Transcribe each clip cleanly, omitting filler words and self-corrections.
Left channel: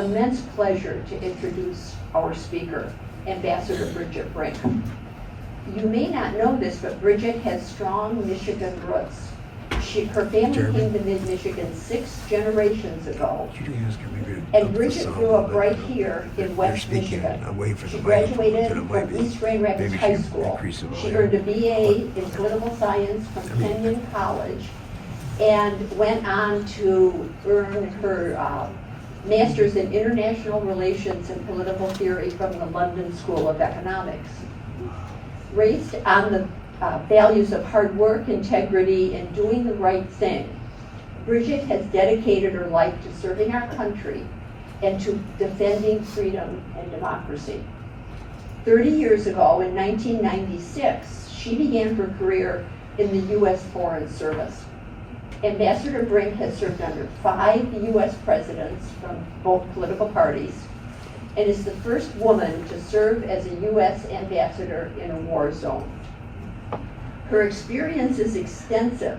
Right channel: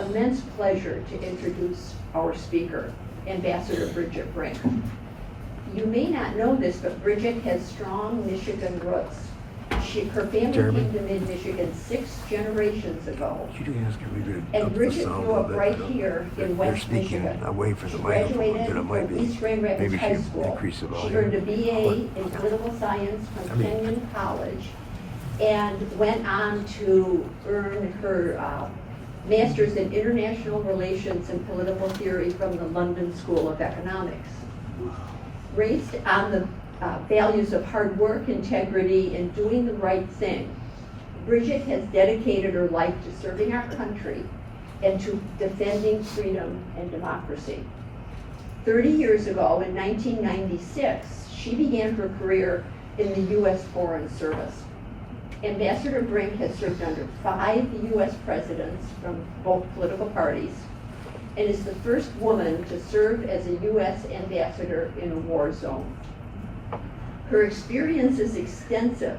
immense pleasure to introduce our speaker, Ambassador Bridget Brink. You may not know this, but Bridget has strong Michigan roots. Her family came to mid-Michigan 6 generations ago. And Bridget grew up right here in West Michigan. She graduated from East Grand Rapids High School. She earned a BA in political science from Kenyon College and went on to earn her master's in international relations and political theory from the London School of Economics. Raised on the values of hard work, integrity, and doing the right thing, Bridget has dedicated her life to serving our country and to defending freedom and democracy. 30 years ago, in 1996, she began her career in the U.S. Foreign Service. Ambassador Brink has served under 5 U.S. presidents from both political parties and is the first woman to serve as a U.S. ambassador in a war zone. Her experience is extensive,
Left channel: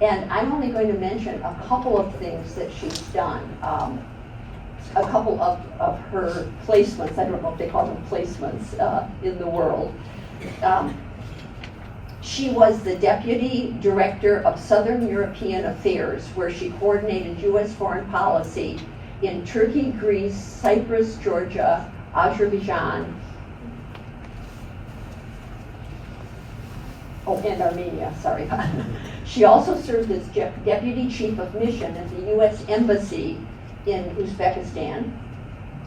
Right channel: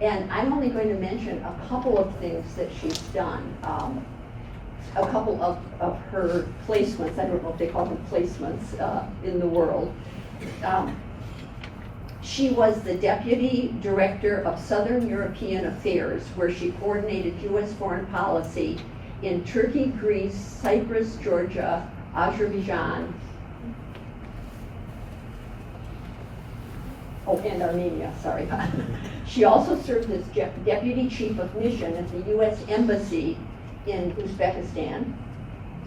and I'm only going to mention a couple of things that she's done. A couple of her placements, I don't know if they call them placements in the world. She was the Deputy Director of Southern European Affairs, where she coordinated U.S. foreign policy in Turkey, Greece, Cyprus, Georgia, Azerbaijan, and Armenia, sorry. She also served as Deputy Chief of Mission at the U.S. Embassy in Uzbekistan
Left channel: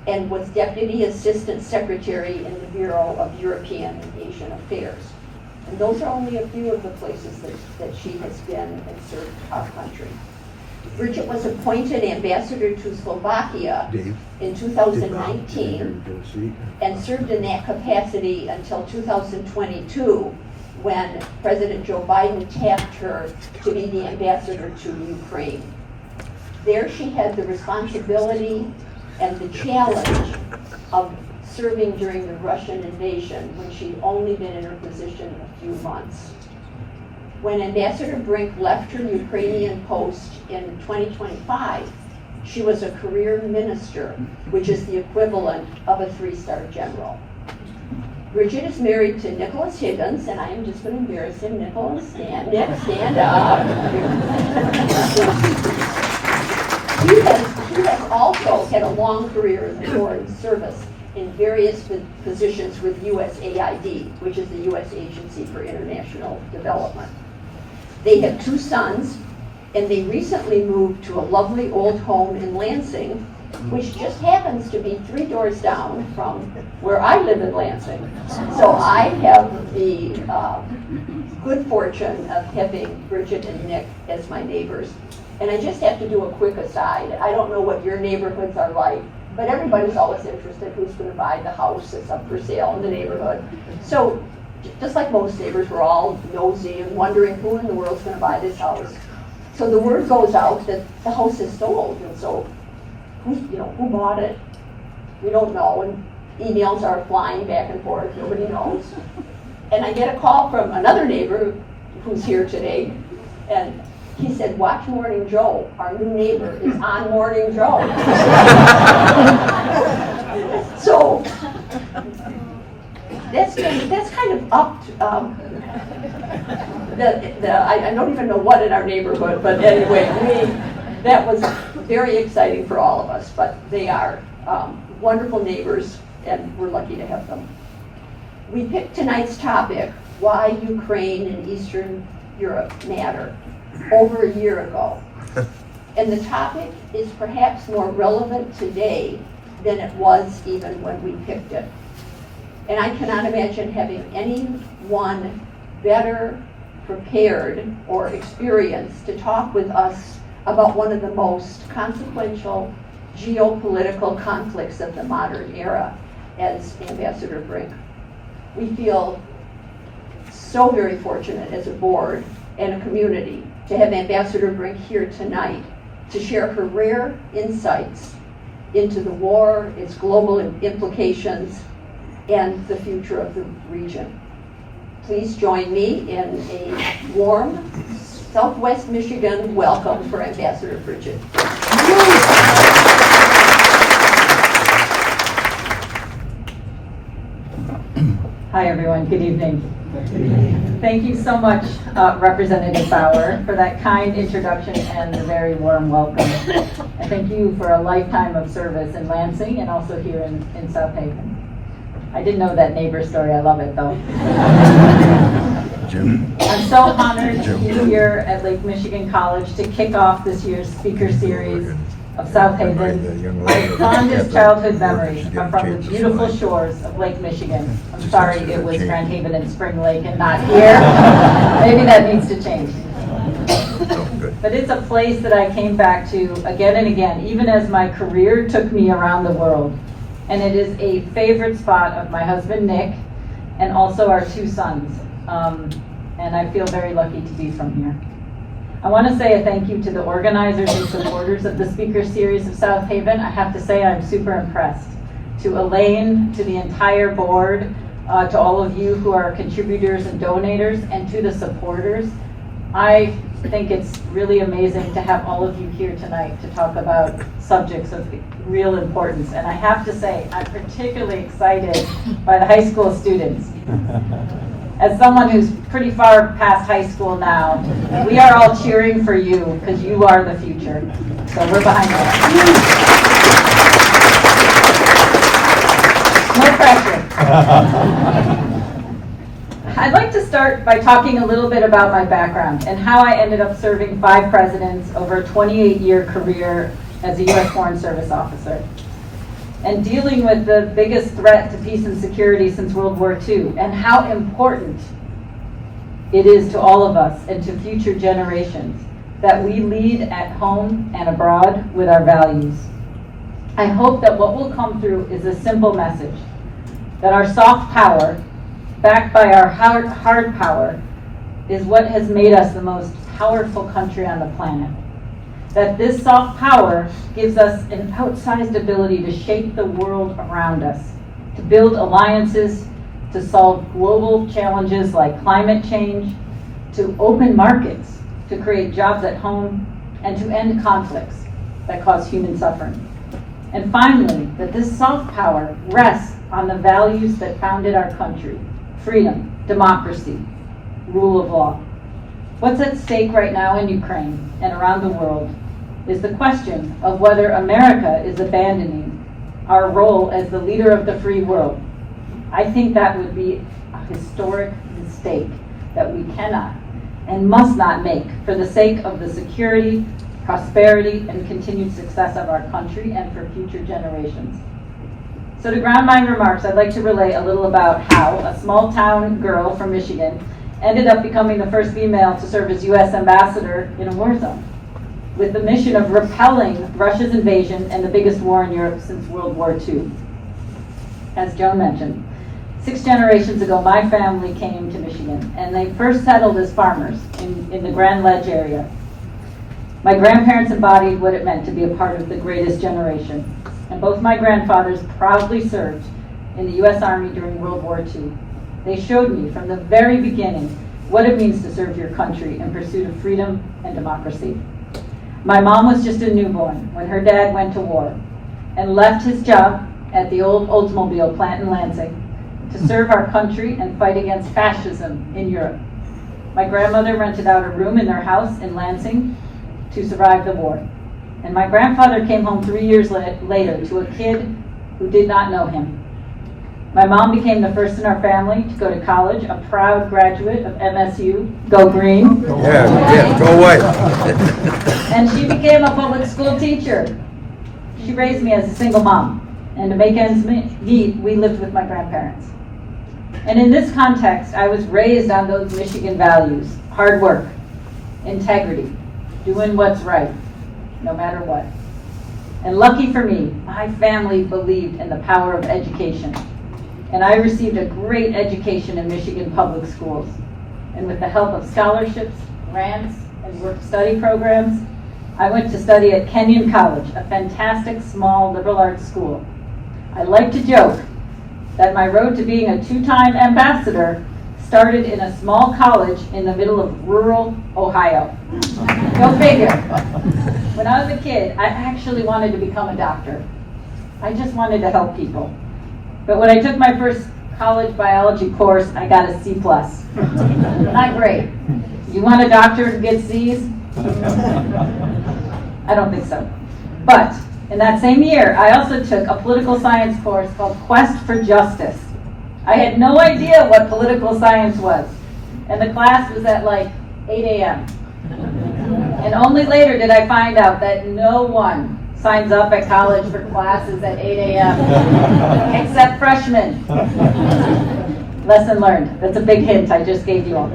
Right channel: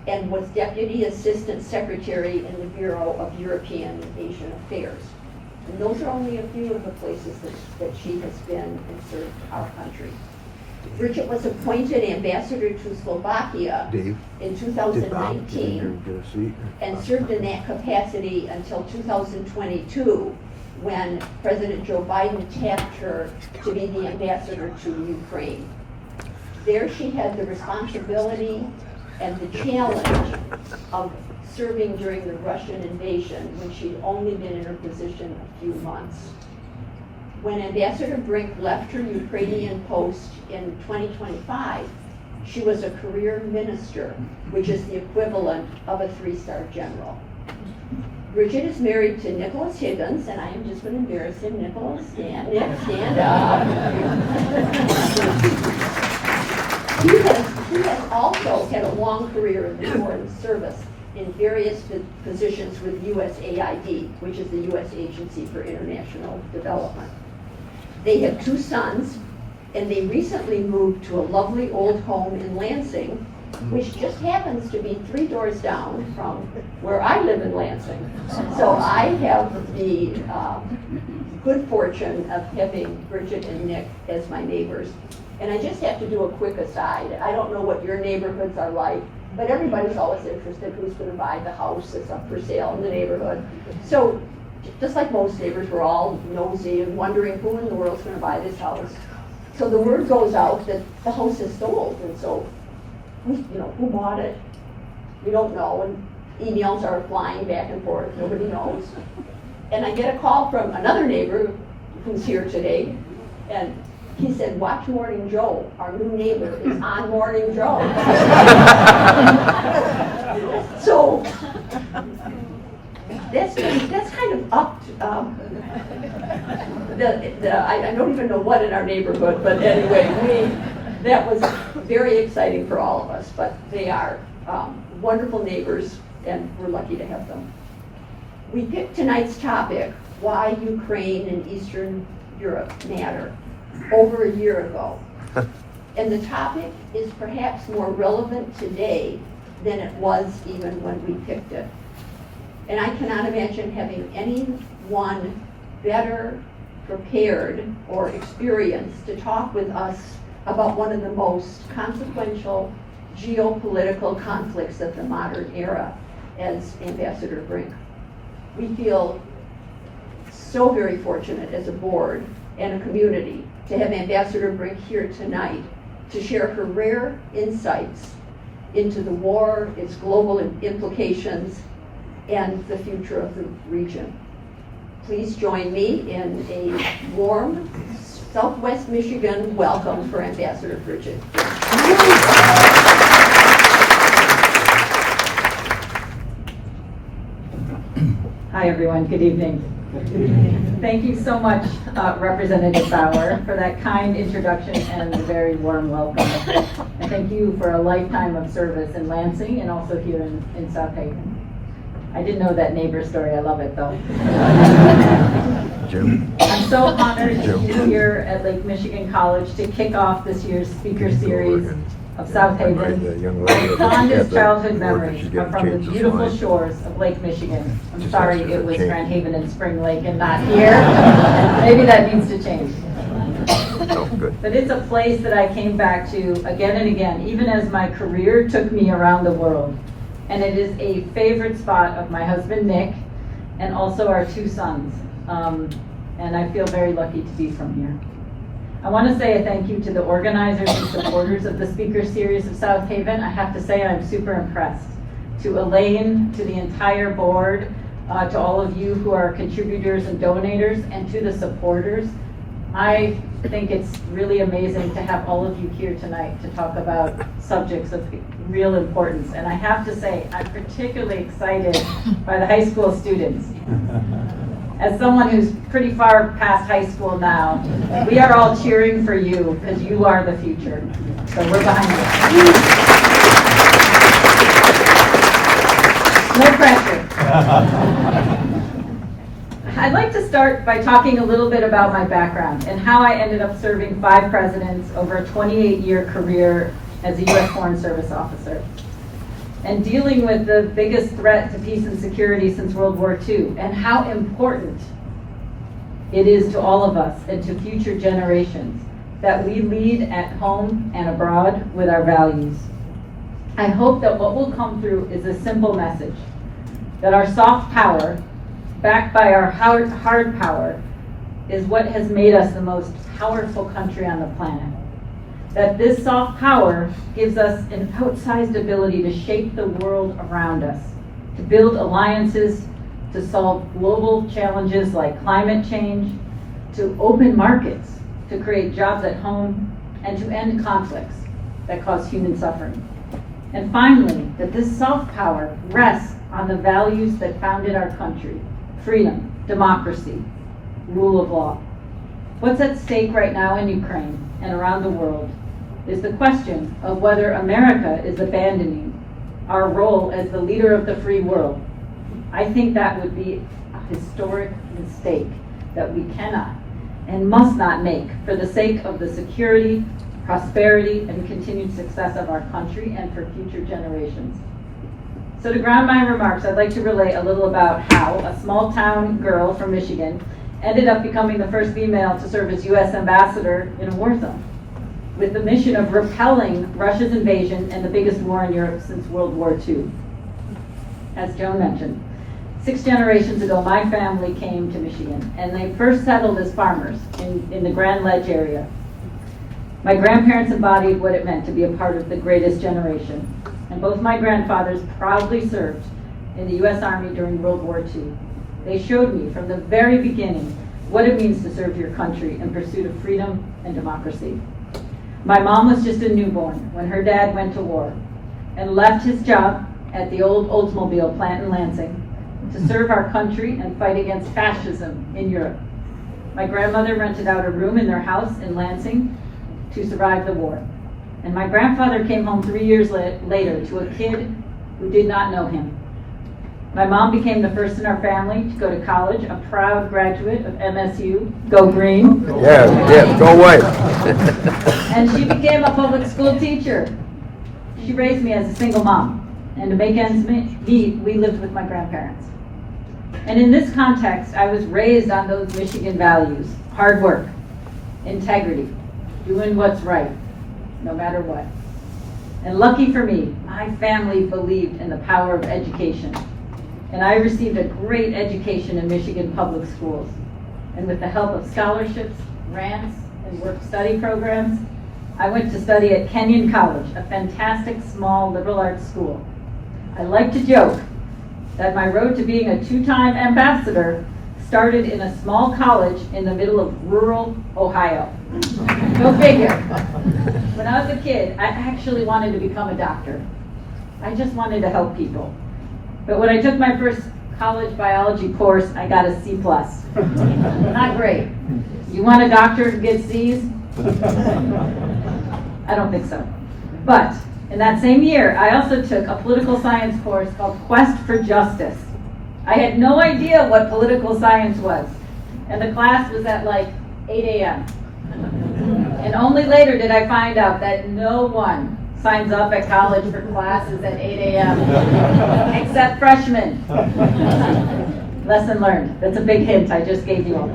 and was Deputy Assistant Secretary in the Bureau of European and Asian Affairs. And those are only a few of the places that she has been and served our country. Bridget was appointed ambassador to Slovakia in 2019 and served in that capacity until 2022, when President Joe Biden tapped her to be the ambassador to Ukraine. There she had the responsibility and the challenge of serving during the Russian invasion, when she'd only been in her position a few months. When Ambassador Brink left her Ukrainian post in 2025, she was a career minister, which is the equivalent of a 3-star general. Bridget is married to Nicholas Higgins, and I am just going to embarrass him. Nicholas, stand up. He has also had a long career in the Foreign Service in various positions with USAID, which is the U.S. Agency for International Development. They have 2 sons, and they recently moved to a lovely old home in Lansing, which just happens to be 3 doors down from where I live in Lansing. So I have the good fortune of having Bridget and Nick as my neighbors. And I just have to do a quick aside. I don't know what your neighborhoods are like, but everybody's always interested who's going to buy the house that's up for sale in the neighborhood. So just like most neighbors, we're all nosy and wondering who in the world's going to buy this house. So the word goes out that the house is sold, and so who bought it? We don't know, and emails are flying back and forth, nobody knows. And I get a call from another neighbor who's here today, and he said, "Watch Morning Joe. Our new neighbor is on Morning Joe." So that's kind of upped. I don't even know what in our neighborhood, but anyway, that was very exciting for all of us. But they are wonderful neighbors, and we're lucky to have them. We picked tonight's topic, why Ukraine and Eastern Europe matter, over a year ago. And the topic is perhaps more relevant today than it was even when we picked it. And I cannot imagine having anyone better prepared or experienced to talk with us about one of the most consequential geopolitical conflicts of the modern era as Ambassador Brink. We feel so very fortunate as a board and a community to have Ambassador Brink here tonight to share her rare insights into the war, its global implications, and the future of the region. Please join me in a warm Southwest Michigan welcome for Ambassador Bridget. Hi, everyone. Good evening. Thank you so much, Representative Bauer, for that kind introduction and the very warm welcome. I thank you for a lifetime of service in Lansing and also here in South Haven. I didn't know that neighbor story. I love it, though. Jim. I'm so honored to be here at Lake Michigan College to kick off this year's Speaker Series of South Haven. My fondest childhood memories are from the beautiful shores of Lake Michigan. I'm sorry it was Grand Haven and Spring Lake and not here. Maybe that needs to change. But it's a place that I came back to again and again, even as my career took me around the world. And it is a favorite spot of my husband, Nick, and also our two sons. And I feel very lucky to be from here. I want to say a thank you to the organizers and supporters of the Speaker Series of South Haven. I have to say I'm super impressed. To Elaine, to the entire board, to all of you who are contributors and donators, and to the supporters, I think it's really amazing to have all of you here tonight to talk about subjects of real importance. And I have to say, I'm particularly excited by the high school students. As someone who's pretty far past high school now, we are all cheering for you because you are the future. So we're behind you. No pressure. I'd like to start by talking a little bit about my background and how I ended up serving 5 presidents over a 28-year career as a U.S. Foreign Service officer, and dealing with the biggest threat to peace and security since World War II, and how important it is to all of us and to future generations that we lead at home and abroad with our values. I hope that what will come through is a simple message, that our soft power, backed by our hard power, is what has made us the most powerful country on the planet. That this soft power gives us an outsized ability to shape the world around us, to build alliances, to solve global challenges like climate change, to open markets, to create jobs at home, and to end conflicts that cause human suffering. And finally, that this soft power rests on the values that founded our country: freedom, democracy, rule of law. What's at stake right now in Ukraine and around the world is the question of whether America is abandoning our role as the leader of the free world. I think that would be a historic mistake that we cannot and must not make for the sake of the security, prosperity, and continued success of our country and for future generations. So to ground my remarks, I'd like to relay a little about how a small town girl from Michigan ended up becoming the first female to serve as U.S. ambassador in a war zone, with the mission of repelling Russia's invasion and the biggest war in Europe since World War II. As Joan mentioned, 6 generations ago, my family came to Michigan, and they first settled as farmers in the Grand Ledge area. My grandparents embodied what it meant to be a part of the greatest generation, and both my grandfathers proudly served in the U.S. Army during World War II. They showed me from the very beginning what it means to serve your country in pursuit of freedom and democracy. My mom was just a newborn when her dad went to war and left his job at the old Oldsmobile plant in Lansing to serve our country and fight against fascism in Europe. My grandmother rented out a room in their house in Lansing to survive the war. And my grandfather came home 3 years later to a kid who did not know him. My mom became the first in our family to go to college, a proud graduate of MSU. Go Green. Yeah, go white. And she became a public school teacher. She raised me as a single mom. And to make ends meet, we lived with my grandparents. And in this context, I was raised on those Michigan values: hard work, integrity, doing what's right, no matter what. And lucky for me, my family believed in the power of education. And I received a great education in Michigan public schools. And with the help of scholarships, grants, and work-study programs, I went to study at Kenyon College, a fantastic small liberal arts school. I like to joke that my road to being a 2-time ambassador started in a small college in the middle of rural Ohio. Go figure. When I was a kid, I actually wanted to become a doctor. I just wanted to help people. But when I took my first college biology course, I got a C+. Not great. You want a doctor who gets C's? I don't think so. But in that same year, I also took a political science course called Quest for Justice. I had no idea what political science was. And the class was at like 8 a.m. And only later did I find out that no one signs up at college for classes at 8 a.m. except freshmen. Lesson learned. That's a big hint I just gave you all.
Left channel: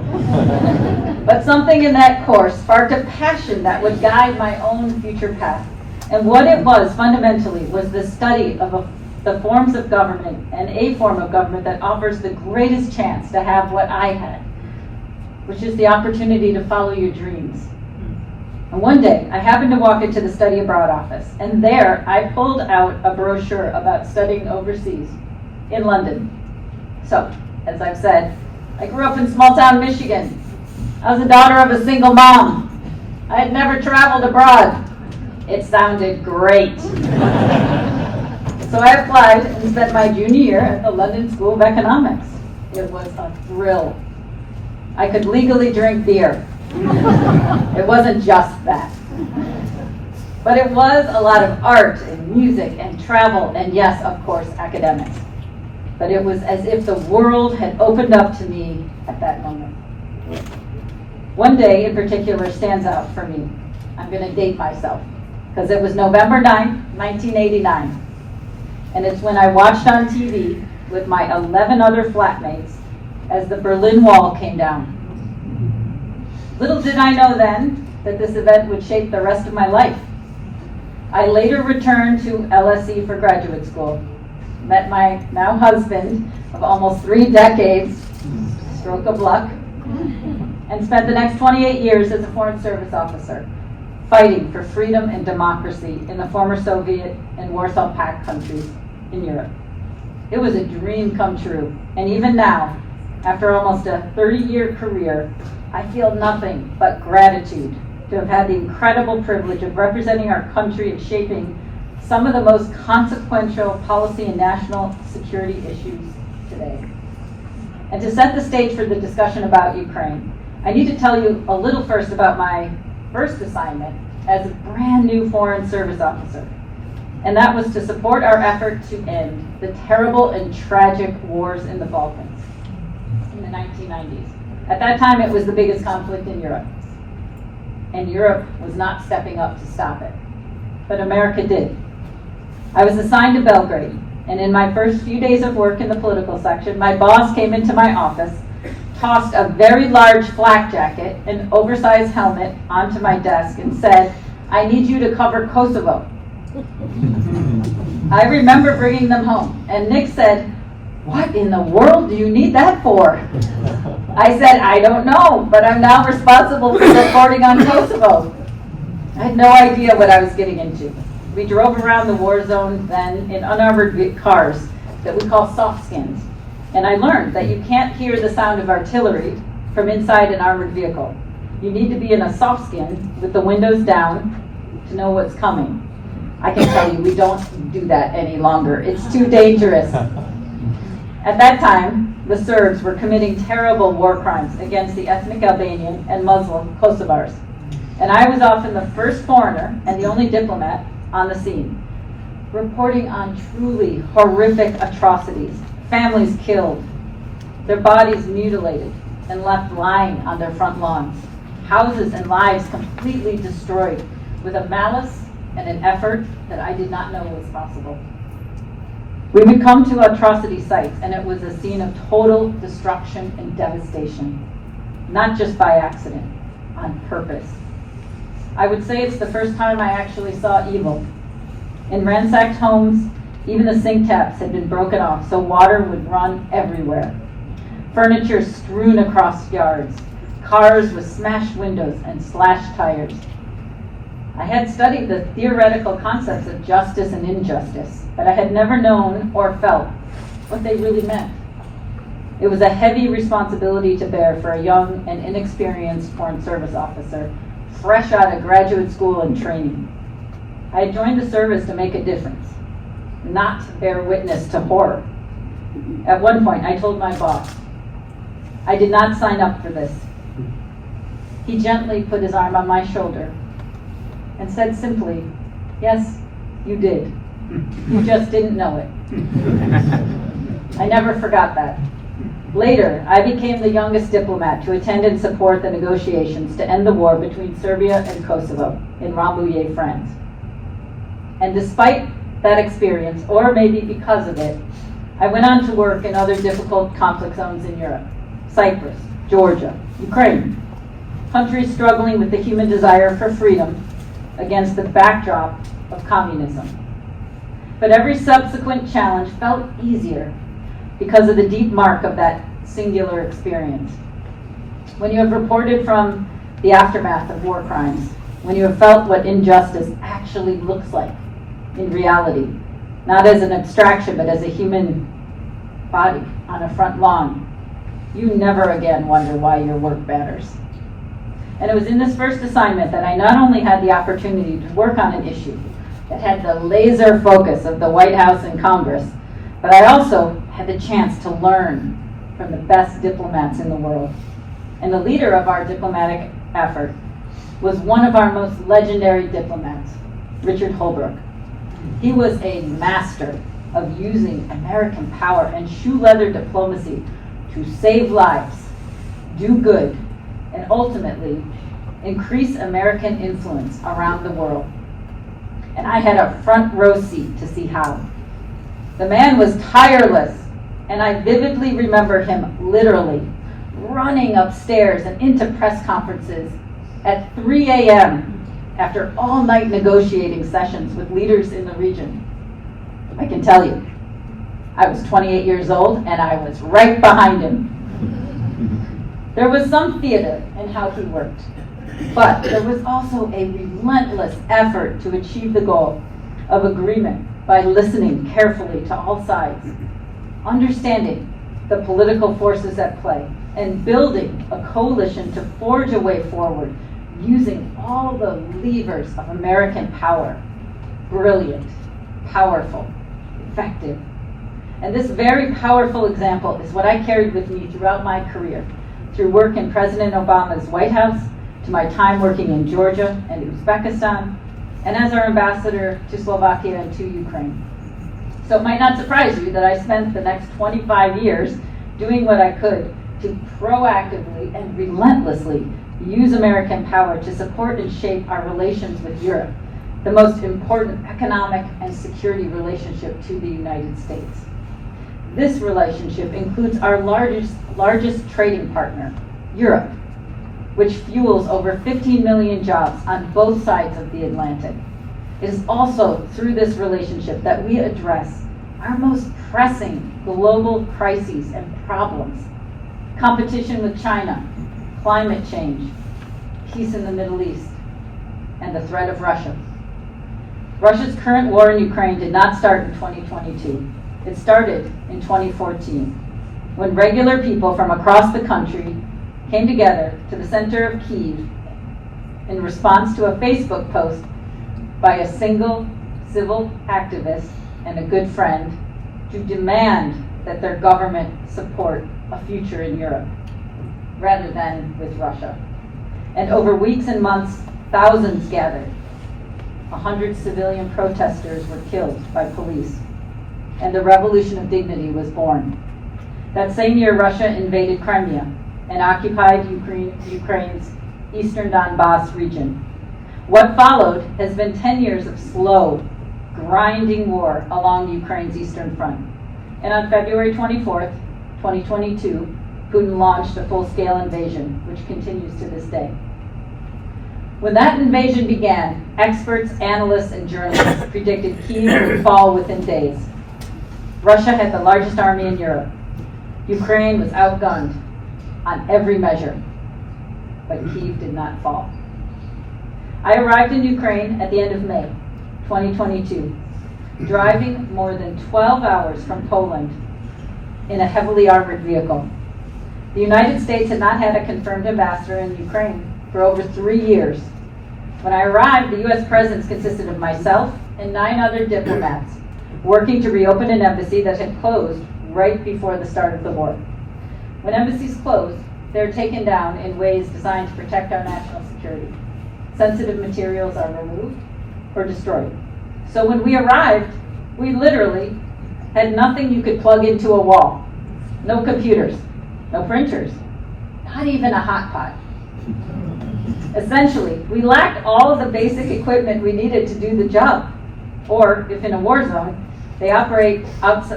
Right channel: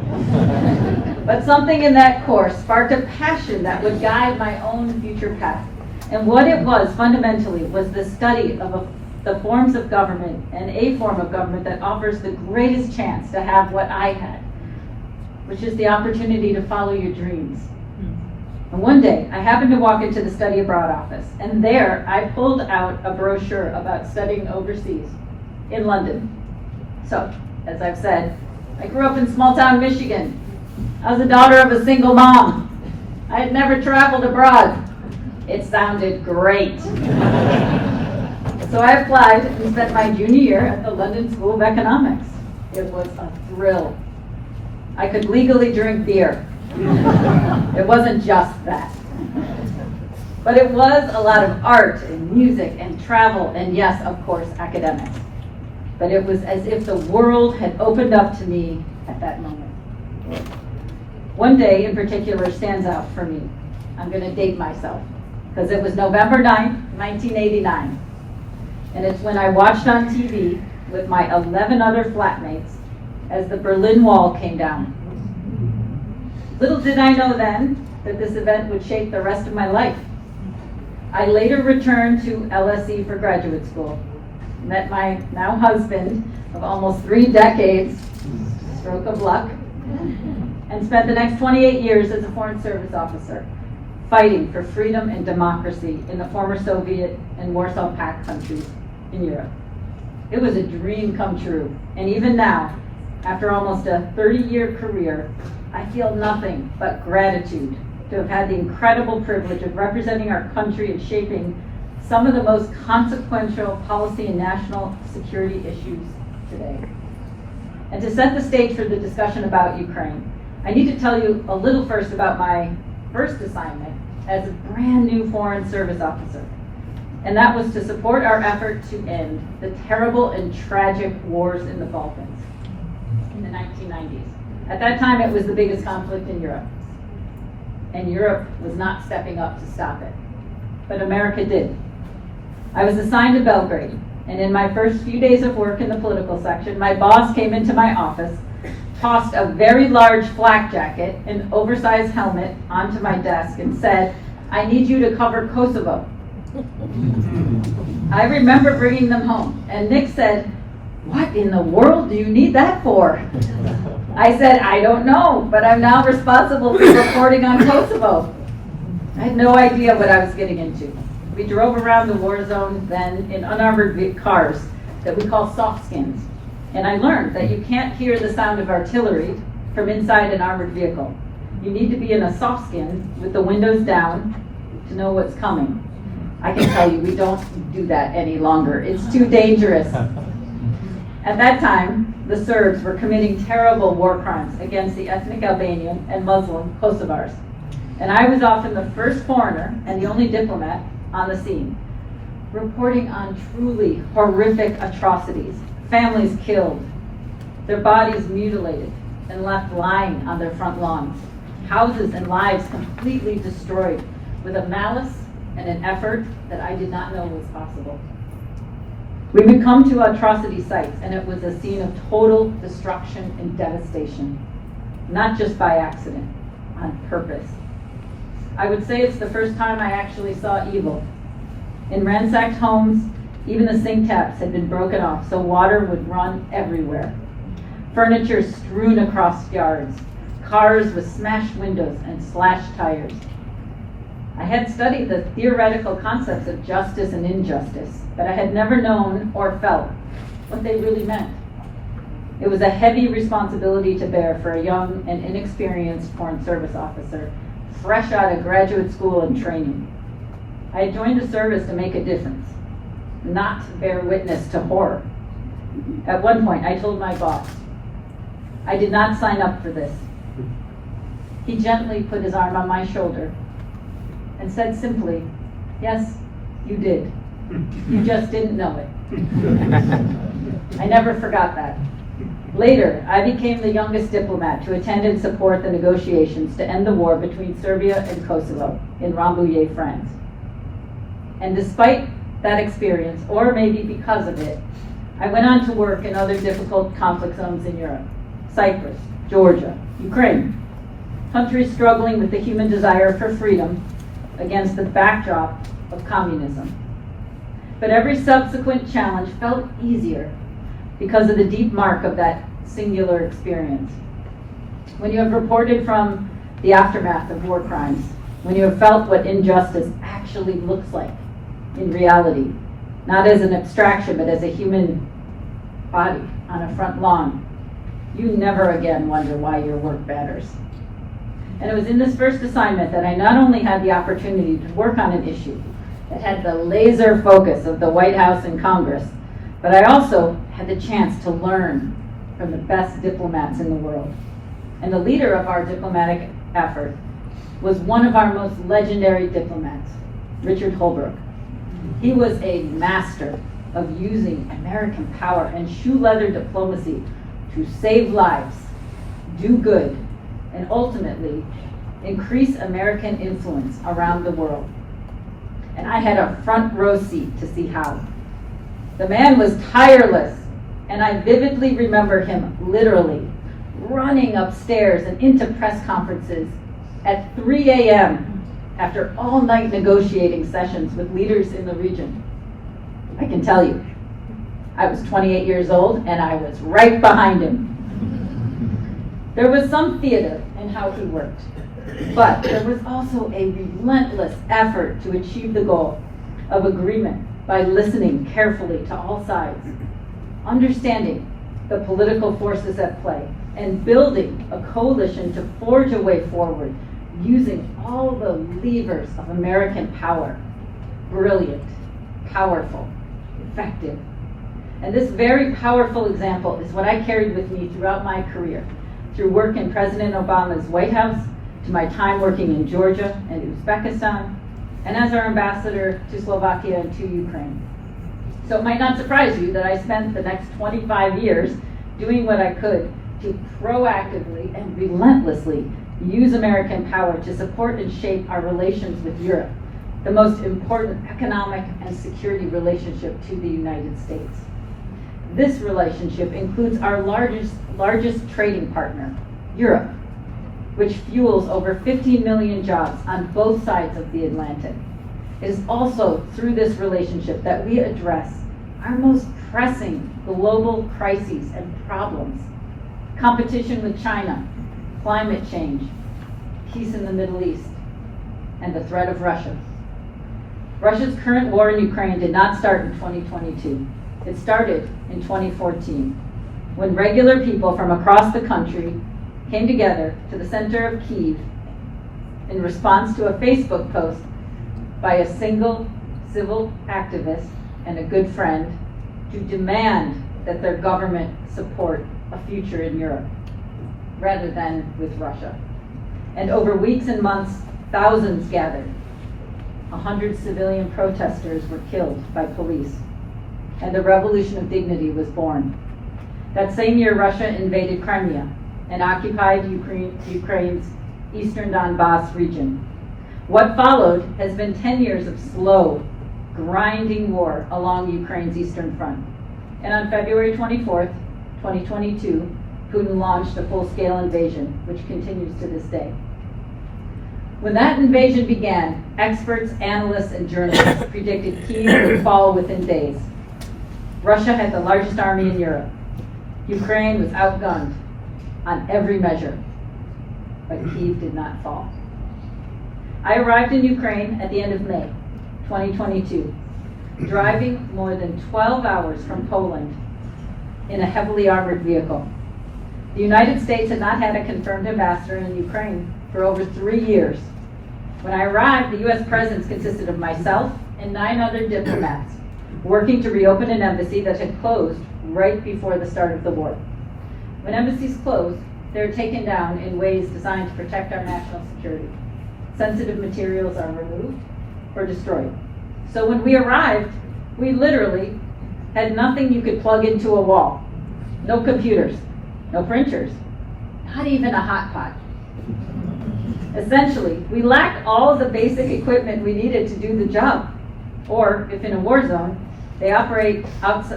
But something in that course sparked a passion that would guide my own future path. And what it was, fundamentally, was the study of the forms of government and a form of government that offers the greatest chance to have what I had, which is the opportunity to follow your dreams. And one day, I happened to walk into the study abroad office, and there I pulled out a brochure about studying overseas in London. So, as I've said, I grew up in small-town Michigan. I was the daughter of a single mom. I had never traveled abroad. It sounded great. So I applied and spent my junior year at the London School of Economics. It was a thrill. I could legally drink beer. It wasn't just that. But it was a lot of art and music and travel and, yes, of course, academics. But it was as if the world had opened up to me at that moment. One day in particular stands out for me. I'm going to date myself because it was November 9th, 1989. And it's when I watched on TV with my 11 other flatmates as the Berlin Wall came down. Little did I know then that this event would shape the rest of my life. I later returned to LSE for graduate school, met my now husband of almost 3 decades, stroke of luck, and spent the next 28 years as a Foreign Service officer, fighting for freedom and democracy in the former Soviet and Warsaw Pact countries in Europe. It was a dream come true, and even now, after almost a 30-year career, I feel nothing but gratitude to have had the incredible privilege of representing our country and shaping some of the most consequential policy and national security issues today. And to set the stage for the discussion about Ukraine, I need to tell you a little first about my first assignment as a brand new Foreign Service officer. And that was to support our effort to end the terrible and tragic wars in the Balkans in the 1990s. At that time, it was the biggest conflict in Europe. And Europe was not stepping up to stop it. But America did. I was assigned to Belgrade, and in my first few days of work in the political section, my boss came into my office, tossed a very large flak jacket and oversized helmet onto my desk and said, "I need you to cover Kosovo." I remember bringing them home, and Nick said, "What in the world do you need that for?" I said, "I don't know, but I'm now responsible for reporting on Kosovo." I had no idea what I was getting into. We drove around the war zone then in unarmored cars that we call soft skins. And I learned that you can't hear the sound of artillery from inside an armored vehicle. You need to be in a soft skin with the windows down to know what's coming. I can tell you, we don't do that any longer. It's too dangerous. At that time, the Serbs were committing terrible war crimes against the ethnic Albanian and Muslim Kosovars. And I was often the first foreigner and the only diplomat on the scene, reporting on truly horrific atrocities. Families killed, their bodies mutilated and left lying on their front lawns, houses and lives completely destroyed with a malice and an effort that I did not know was possible. We would come to atrocity sites, and it was a scene of total destruction and devastation, not just by accident, on purpose. I would say it's the first time I actually saw evil. In ransacked homes, even the sink taps had been broken off, so water would run everywhere. Furniture strewn across yards, cars with smashed windows and slashed tires. I had studied the theoretical concepts of justice and injustice, but I had never known or felt what they really meant. It was a heavy responsibility to bear for a young and inexperienced Foreign Service officer, fresh out of graduate school and training. I had joined the service to make a difference, not to bear witness to horror. At one point, I told my boss, I did not sign up for this. He gently put his arm on my shoulder and said simply, yes, you did. You just didn't know it. I never forgot that. Later, I became the youngest diplomat to attend and support the negotiations to end the war between Serbia and Kosovo in Rambouillet, France. And despite that experience, or maybe because of it, I went on to work in other difficult conflict zones in Europe: Cyprus, Georgia, Ukraine, countries struggling with the human desire for freedom against the backdrop of communism. But every subsequent challenge felt easier because of the deep mark of that singular experience. When you have reported from the aftermath of war crimes, when you have felt what injustice actually looks like in reality, not as an abstraction, but as a human body on a front lawn, you never again wonder why your work matters. And it was in this first assignment that I not only had the opportunity to work on an issue that had the laser focus of the White House and Congress, but I also had the chance to learn from the best diplomats in the world. And the leader of our diplomatic effort was one of our most legendary diplomats, Richard Holbrooke. He was a master of using American power and shoe leather diplomacy to save lives, do good, and ultimately increase American influence around the world. And I had a front row seat to see how. The man was tireless, and I vividly remember him literally running upstairs and into press conferences at 3 a.m. after all-night negotiating sessions with leaders in the region. I can tell you, I was 28 years old, and I was right behind him. There was some theater in how he worked, but there was also a relentless effort to achieve the goal of agreement by listening carefully to all sides, understanding the political forces at play, and building a coalition to forge a way forward using all the levers of American power. Brilliant, powerful, effective. And this very powerful example is what I carried with me throughout my career, through work in President Obama's White House, to my time working in Georgia and Uzbekistan, and as our ambassador to Slovakia and to Ukraine. So it might not surprise you that I spent the next 25 years doing what I could to proactively and relentlessly use American power to support and shape our relations with Europe, the most important economic and security relationship to the United States. This relationship includes our largest trading partner, Europe, which fuels over 15 million jobs on both sides of the Atlantic. It is also through this relationship that we address our most pressing global crises and problems: competition with China, climate change, peace in the Middle East, and the threat of Russia. Russia's current war in Ukraine did not start in 2022. It started in 2014, when regular people from across the country came together to the center of Kyiv in response to a Facebook post by a single civil activist and a good friend to demand that their government support a future in Europe, rather than with Russia. And over weeks and months, thousands gathered. 100 civilian protesters were killed by police, and the Revolution of Dignity was born. That same year, Russia invaded Crimea and occupied Ukraine's eastern Donbass region. What followed has been 10 years of slow, grinding war along Ukraine's eastern front. And on February 24th, 2022, Putin launched a full-scale invasion, which continues to this day. When that invasion began, experts, analysts, and journalists predicted Kyiv would fall within days. Russia had the largest army in Europe. Ukraine was outgunned on every measure, but Kyiv did not fall. I arrived in Ukraine at the end of May 2022, driving more than 12 hours from Poland in a heavily armored vehicle. The United States had not had a confirmed ambassador in Ukraine for over 3 years. When I arrived, the U.S. presence consisted of myself and 9 other diplomats working to reopen an embassy that had closed right before the start of the war. When embassies close, they're taken down in ways designed to protect our national security. Sensitive materials are removed or destroyed. So when we arrived, we literally had nothing you could plug into a wall. No computers, no printers, not even a hot pot. Essentially, we lacked all of the basic equipment we needed to do the job. Or, if in a war zone, they operate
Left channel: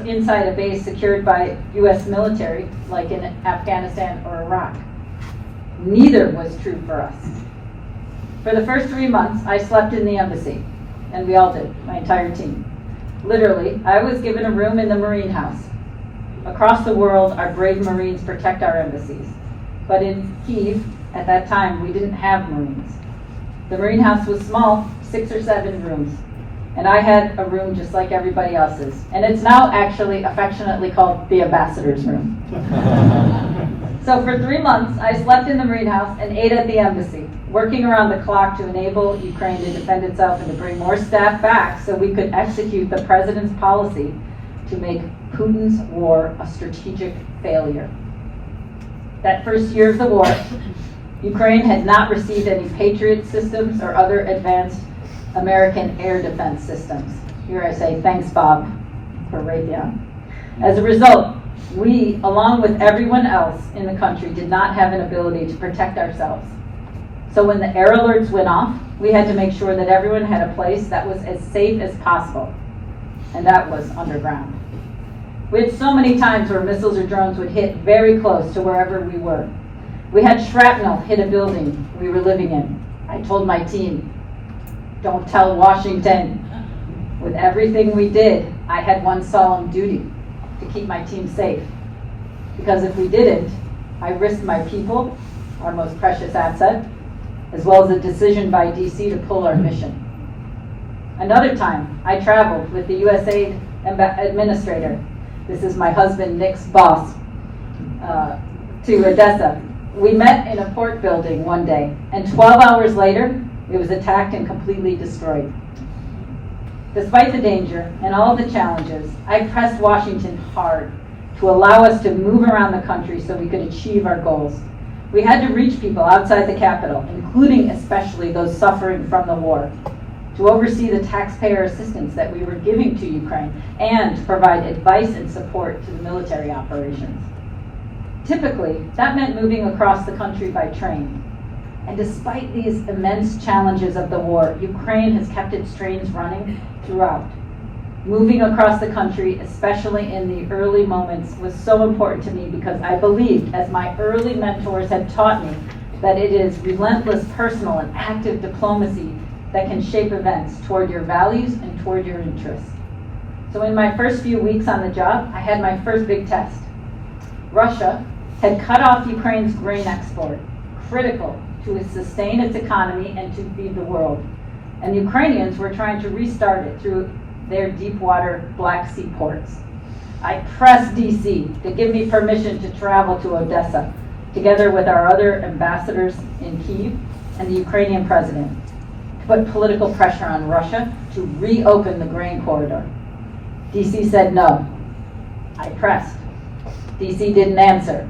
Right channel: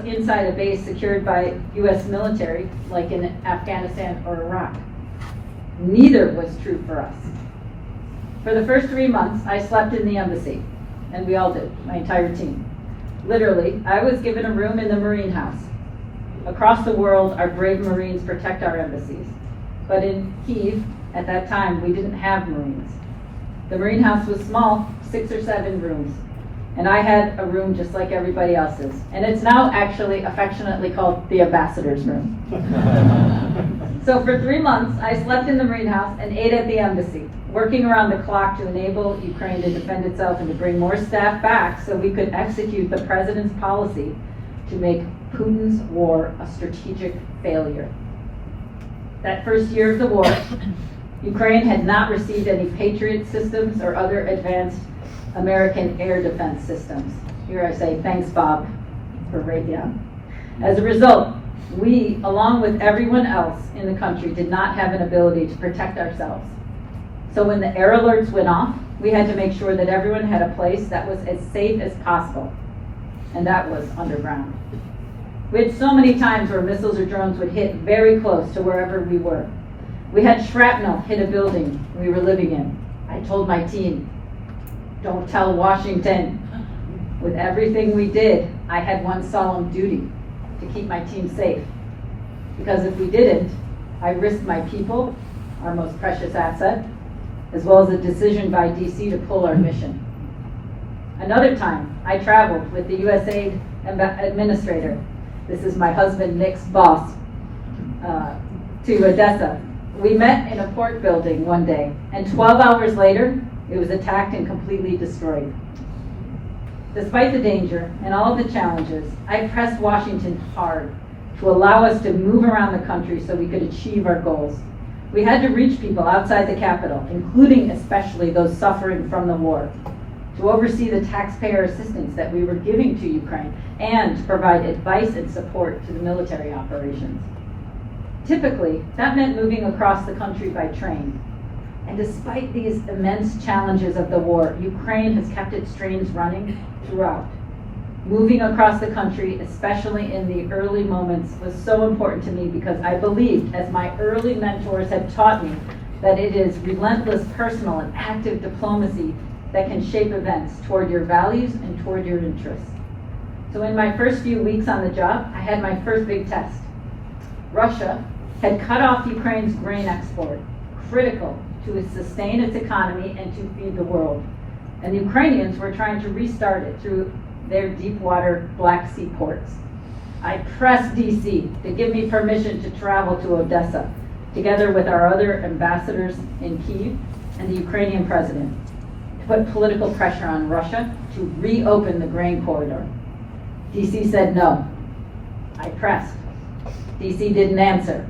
inside a base secured by U.S. military, like in Afghanistan or Iraq. Neither was true for us. For the first 3 months, I slept in the embassy, and we all did, my entire team. Literally, I was given a room in the Marine House. Across the world, our brave Marines protect our embassies. But in Kyiv, at that time, we didn't have Marines. The Marine House was small, 6 or 7 rooms. And I had a room just like everybody else's. And it's now actually affectionately called the ambassador's room. So for 3 months, I slept in the Marine House and ate at the embassy, working around the clock to enable Ukraine to defend itself and to bring more staff back so we could execute the president's policy to make Putin's war a strategic failure. That first year of the war, Ukraine had not received any Patriot systems or other advanced American air defense systems. Here I say, thanks, Bob, for Raytheon. As a result, we, along with everyone else in the country, did not have an ability to protect ourselves. So when the air alerts went off, we had to make sure that everyone had a place that was as safe as possible, and that was underground. We had so many times where missiles or drones would hit very close to wherever we were. We had shrapnel hit a building we were living in. I told my team, don't tell Washington. With everything we did, I had one solemn duty, to keep my team safe. Because if we didn't, I risked my people, our most precious asset, as well as a decision by DC to pull our mission. Another time, I traveled with the USA administrator, this is my husband Nick's boss, to Odessa. We met in a port building one day, and 12 hours later, it was attacked and completely destroyed. Despite the danger and all of the challenges, I pressed Washington hard to allow us to move around the country so we could achieve our goals. We had to reach people outside the Capitol, including especially those suffering from the war, to oversee the taxpayer assistance that we were giving to Ukraine, and to provide advice and support to the military operations. Typically, that meant moving across the country by train. And despite these immense challenges of the war, Ukraine has kept its trains running throughout. Moving across the country, especially in the early moments, was so important to me because I believed, as my early mentors had taught me, that it is relentless personal and active diplomacy that can shape events toward your values and toward your interests. So in my first few weeks on the job, I had my first big test. Russia had cut off Ukraine's grain export, critical to sustain its economy and to feed the world. And the Ukrainians were trying to restart it through their deep water Black Sea ports. I pressed DC to give me permission to travel to Odessa, together with our other ambassadors in Kyiv and the Ukrainian president, to put political pressure on Russia to reopen the grain corridor. DC said no. I pressed. DC didn't answer.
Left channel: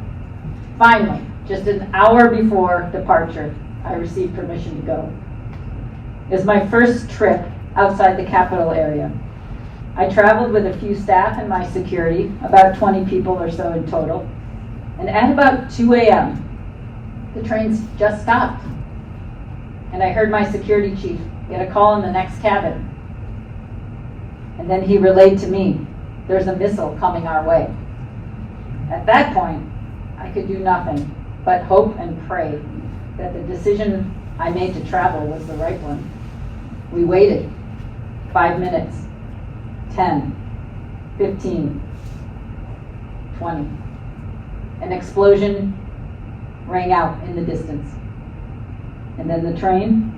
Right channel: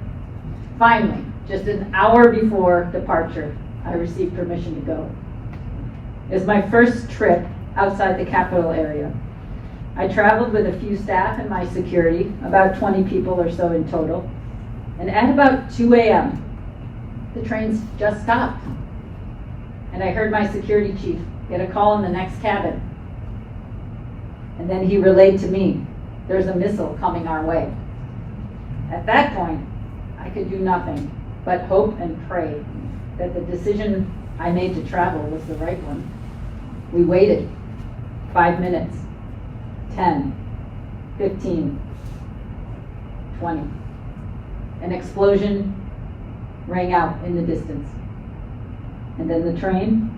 Finally, just an hour before departure, I received permission to go. It was my first trip outside the capital area. I traveled with a few staff and my security, about 20 people or so in total. And at about 2 a.m., the trains just stopped. And I heard my security chief get a call in the next cabin. And then he relayed to me, there's a missile coming our way. At that point, I could do nothing but hope and pray that the decision I made to travel was the right one. We waited 5 minutes, 10, 15, 20. An explosion rang out in the distance. And then the train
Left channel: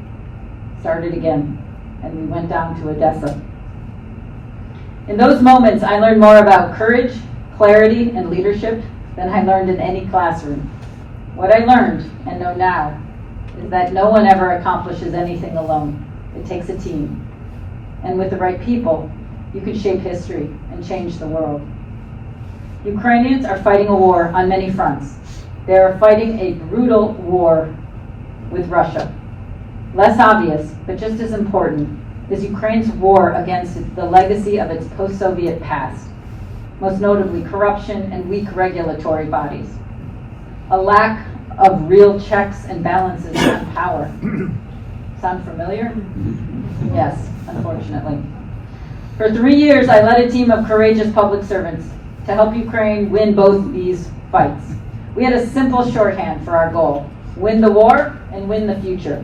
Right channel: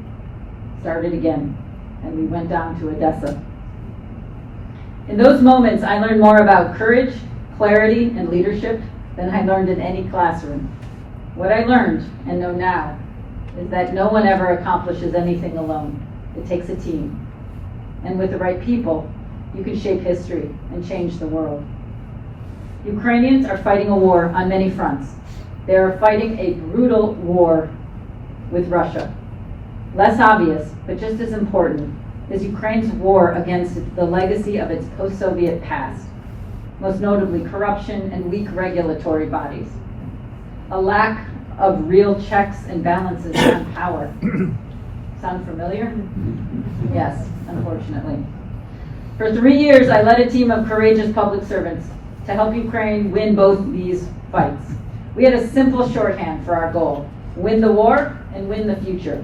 started again, and we went down to Odessa. In those moments, I learned more about courage, clarity, and leadership than I learned in any classroom. What I learned, and know now, is that no one ever accomplishes anything alone. It takes a team. And with the right people, you can shape history and change the world. Ukrainians are fighting a war on many fronts. They are fighting a brutal war with Russia. Less obvious, but just as important, is Ukraine's war against the legacy of its post-Soviet past, most notably corruption and weak regulatory bodies, a lack of real checks and balances on power. Sound familiar? Yes, unfortunately. For 3 years, I led a team of courageous public servants to help Ukraine win both these fights. We had a simple shorthand for our goal: win the war and win the future.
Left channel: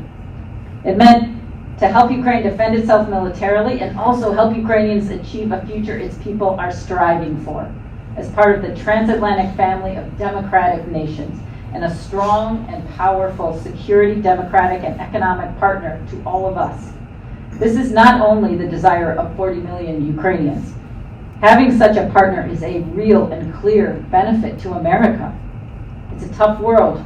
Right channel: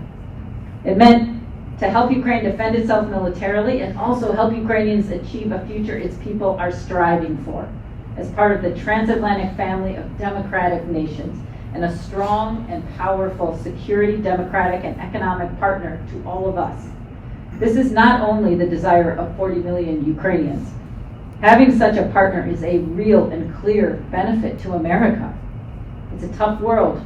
It meant to help Ukraine defend itself militarily and also help Ukrainians achieve a future its people are striving for as part of the transatlantic family of democratic nations and a strong and powerful security, democratic, and economic partner to all of us. This is not only the desire of 40 million Ukrainians. Having such a partner is a real and clear benefit to America. It's a tough world,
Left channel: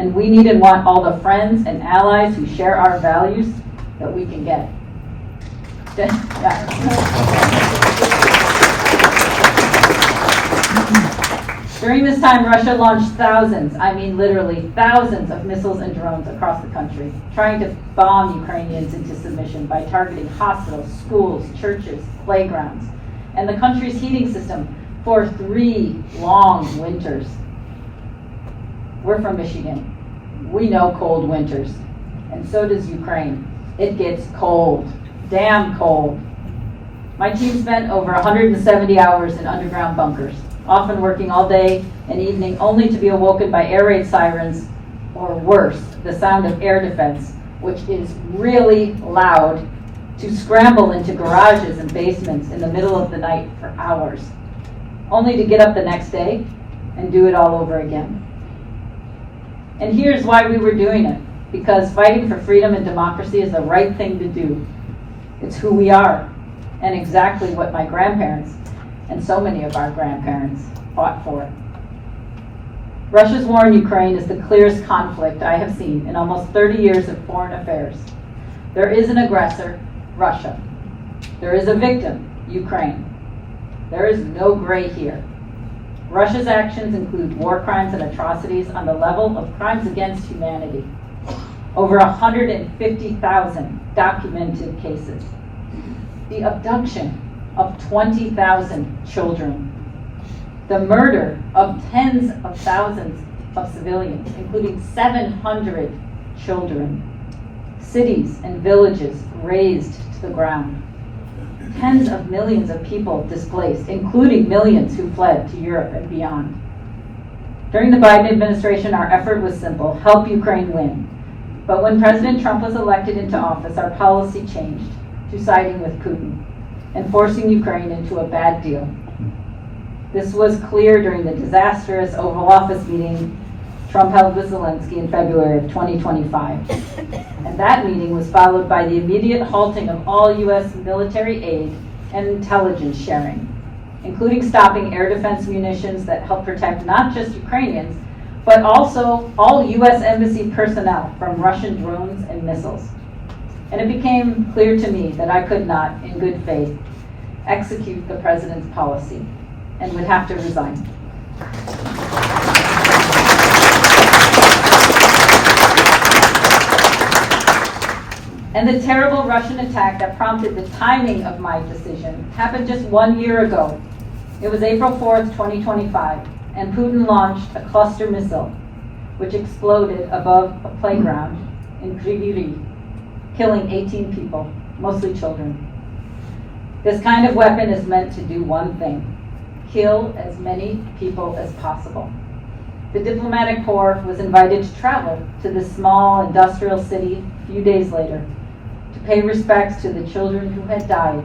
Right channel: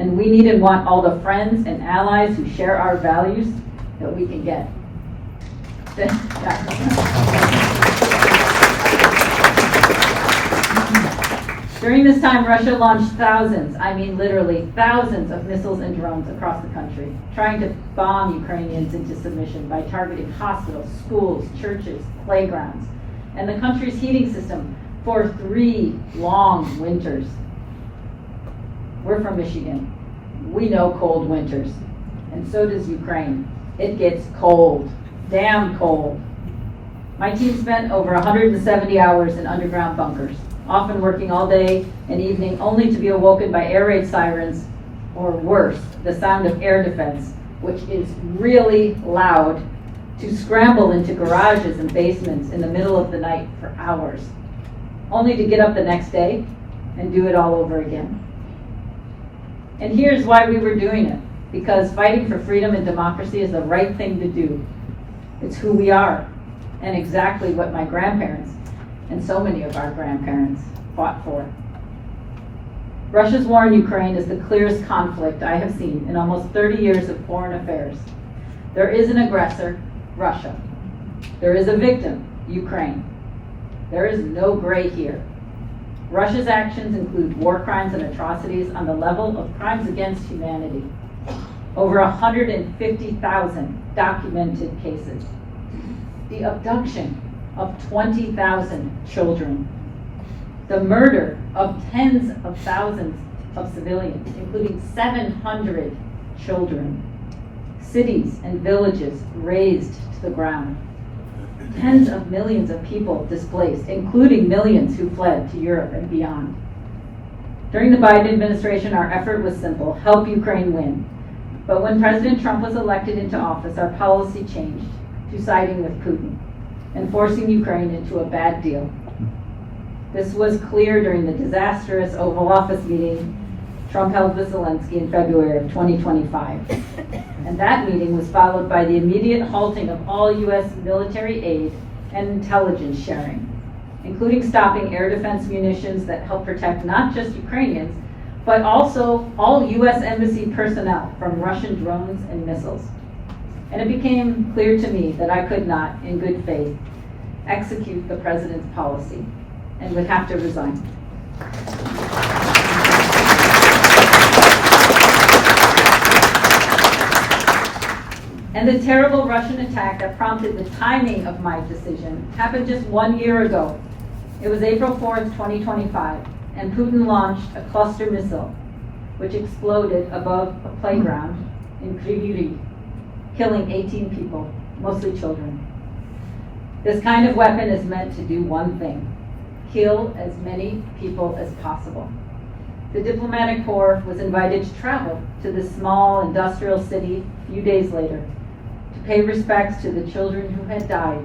and we need and want all the friends and allies who share our values that we can get. During this time, Russia launched thousands, I mean literally thousands of missiles and drones across the country, trying to bomb Ukrainians into submission by targeting hospitals, schools, churches, playgrounds, and the country's heating system for 3 long winters. We're from Michigan. We know cold winters, and so does Ukraine. It gets cold, damn cold. My team spent over 170 hours in underground bunkers, often working all day and evening only to be awoken by air raid sirens, or worse, the sound of air defense, which is really loud, to scramble into garages and basements in the middle of the night for hours, only to get up the next day and do it all over again. And here's why we were doing it: because fighting for freedom and democracy is the right thing to do. It's who we are, and exactly what my grandparents, and so many of our grandparents, fought for. Russia's war in Ukraine is the clearest conflict I have seen in almost 30 years of foreign affairs. There is an aggressor, Russia. There is a victim, Ukraine. There is no gray here. Russia's actions include war crimes and atrocities on the level of crimes against humanity. Over 150,000 documented cases. The abduction of 20,000 children. The murder of tens of thousands of civilians, including 700 children. Cities and villages razed to the ground. Tens of millions of people displaced, including millions who fled to Europe and beyond. During the Biden administration, our effort was simple: help Ukraine win. But when President Trump was elected into office, our policy changed to siding with Putin and forcing Ukraine into a bad deal. This was clear during the disastrous Oval Office meeting Trump held with Zelensky in February of 2025. And that meeting was followed by the immediate halting of all U.S. military aid and intelligence sharing, including stopping air defense munitions that help protect not just Ukrainians, but also all U.S. embassy personnel from Russian drones and missiles. And it became clear to me that I could not, in good faith, execute the president's policy and would have to resign. And the terrible Russian attack that prompted the timing of my decision happened just 1 year ago. It was April 4th, 2025, and Putin launched a cluster missile, which exploded above a playground in Kryvyi Rih, killing 18 people, mostly children. This kind of weapon is meant to do one thing: kill as many people as possible. The diplomatic corps was invited to travel to this small industrial city a few days later to pay respects to the children who had died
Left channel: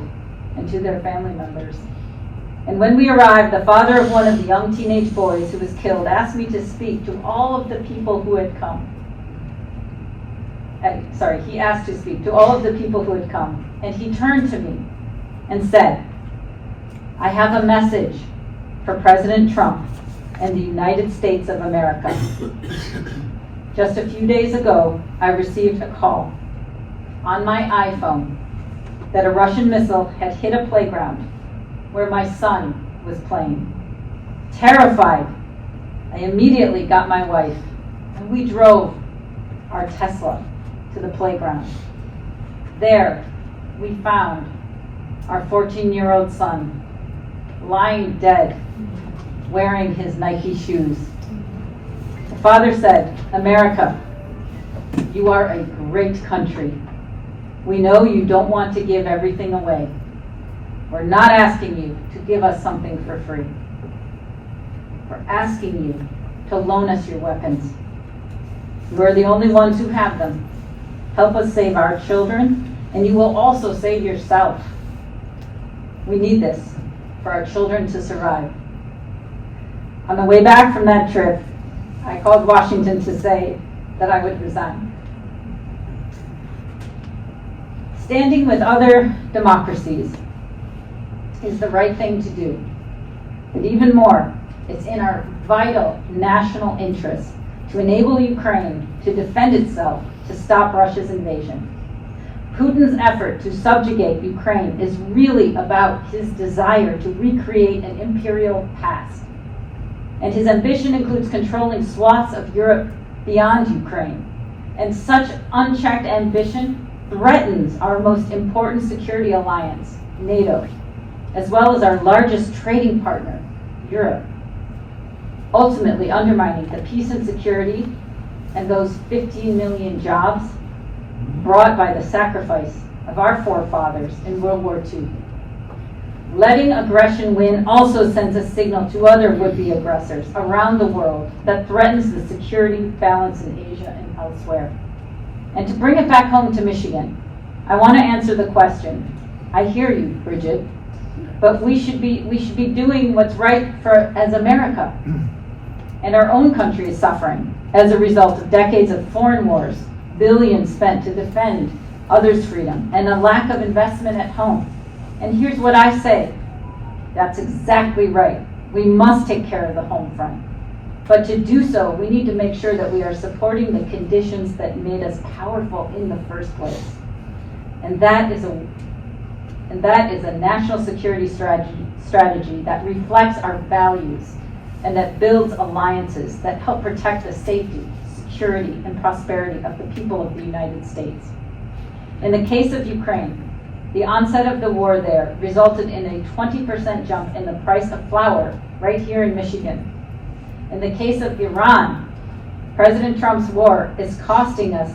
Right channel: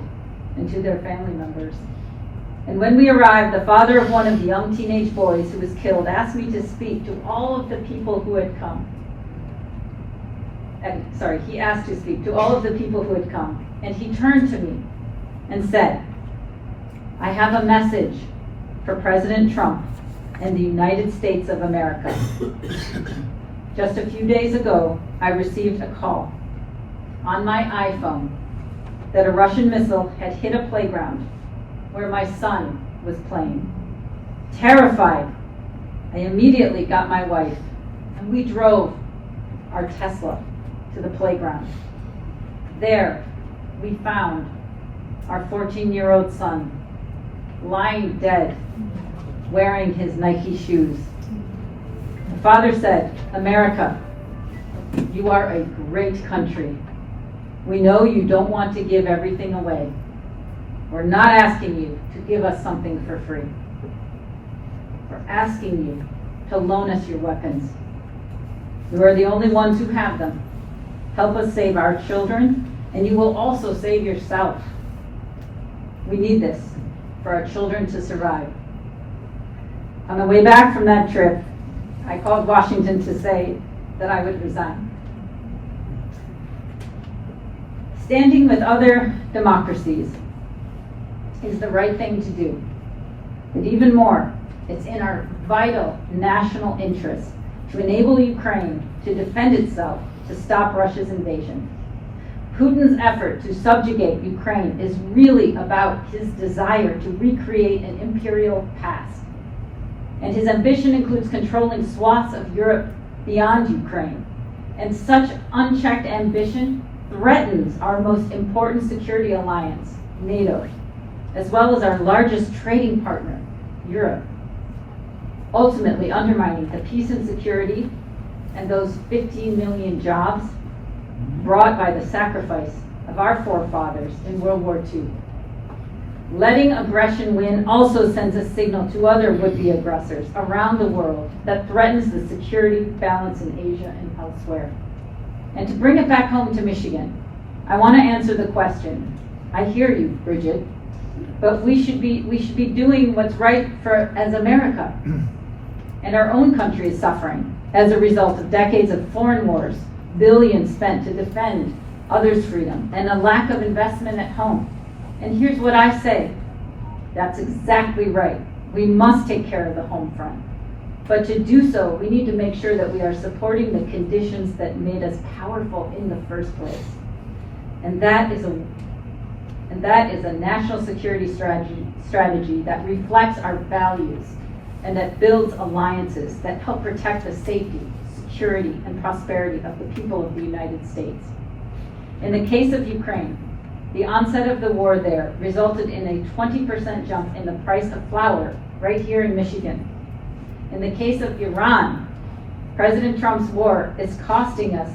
and to their family members. And when we arrived, the father of one of the young teenage boys who was killed asked me to speak to all of the people who had come. He asked to speak to all of the people who had come, and he turned to me and said, "I have a message for President Trump and the United States of America." Just a few days ago, I received a call on my iPhone that a Russian missile had hit a playground where my son was playing. Terrified, I immediately got my wife, and we drove our Tesla to the playground. There, we found our 14-year-old son lying dead, wearing his Nike shoes. The father said, "America, you are a great country. We know you don't want to give everything away. We're not asking you to give us something for free. We're asking you to loan us your weapons. You are the only ones who have them. Help us save our children, and you will also save yourself. We need this for our children to survive." On the way back from that trip, I called Washington to say that I would resign. Standing with other democracies is the right thing to do. But even more, it's in our vital national interest to enable Ukraine to defend itself, to stop Russia's invasion. Putin's effort to subjugate Ukraine is really about his desire to recreate an imperial past. And his ambition includes controlling swaths of Europe beyond Ukraine. And such unchecked ambition threatens our most important security alliance, NATO, as well as our largest trading partner, Europe, ultimately undermining the peace and security and those 15 million jobs brought by the sacrifice of our forefathers in World War II. Letting aggression win also sends a signal to other would-be aggressors around the world that threatens the security balance in Asia and elsewhere. And to bring it back home to Michigan, I want to answer the question. I hear you, Bridget, but we should be doing what's right as America. And our own country is suffering as a result of decades of foreign wars, billions spent to defend others' freedom, and a lack of investment at home. And here's what I say. That's exactly right. We must take care of the home front. But to do so, we need to make sure that we are supporting the conditions that made us powerful in the first place. And that is a national security strategy that reflects our values and that builds alliances that help protect the safety, security, and prosperity of the people of the United States. In the case of Ukraine, the onset of the war there resulted in a 20% jump in the price of flour right here in Michigan. In the case of Iran, President Trump's war is costing us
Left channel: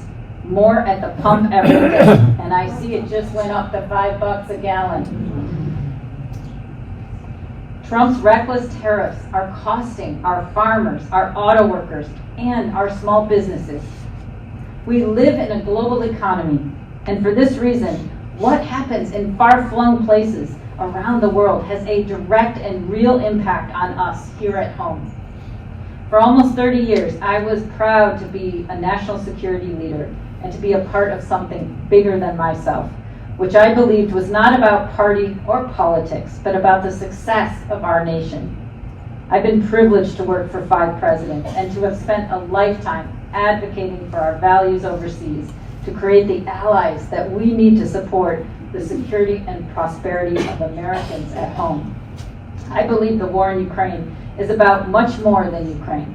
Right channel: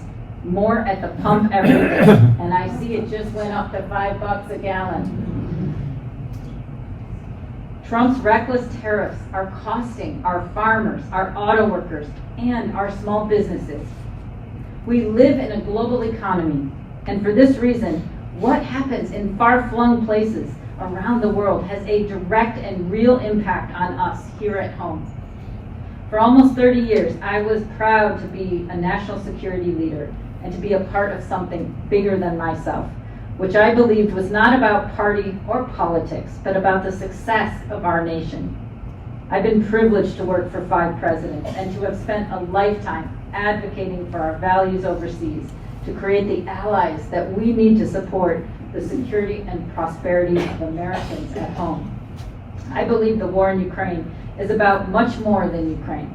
more at the pump every day, and I see it just went up to $5 a gallon. Trump's reckless tariffs are costing our farmers, our auto workers, and our small businesses. We live in a global economy, and for this reason, what happens in far-flung places around the world has a direct and real impact on us here at home. For almost 30 years, I was proud to be a national security leader and to be a part of something bigger than myself, which I believed was not about party or politics, but about the success of our nation. I've been privileged to work for 5 presidents and to have spent a lifetime advocating for our values overseas, to create the allies that we need to support the security and prosperity of Americans at home. I believe the war in Ukraine is about much more than Ukraine.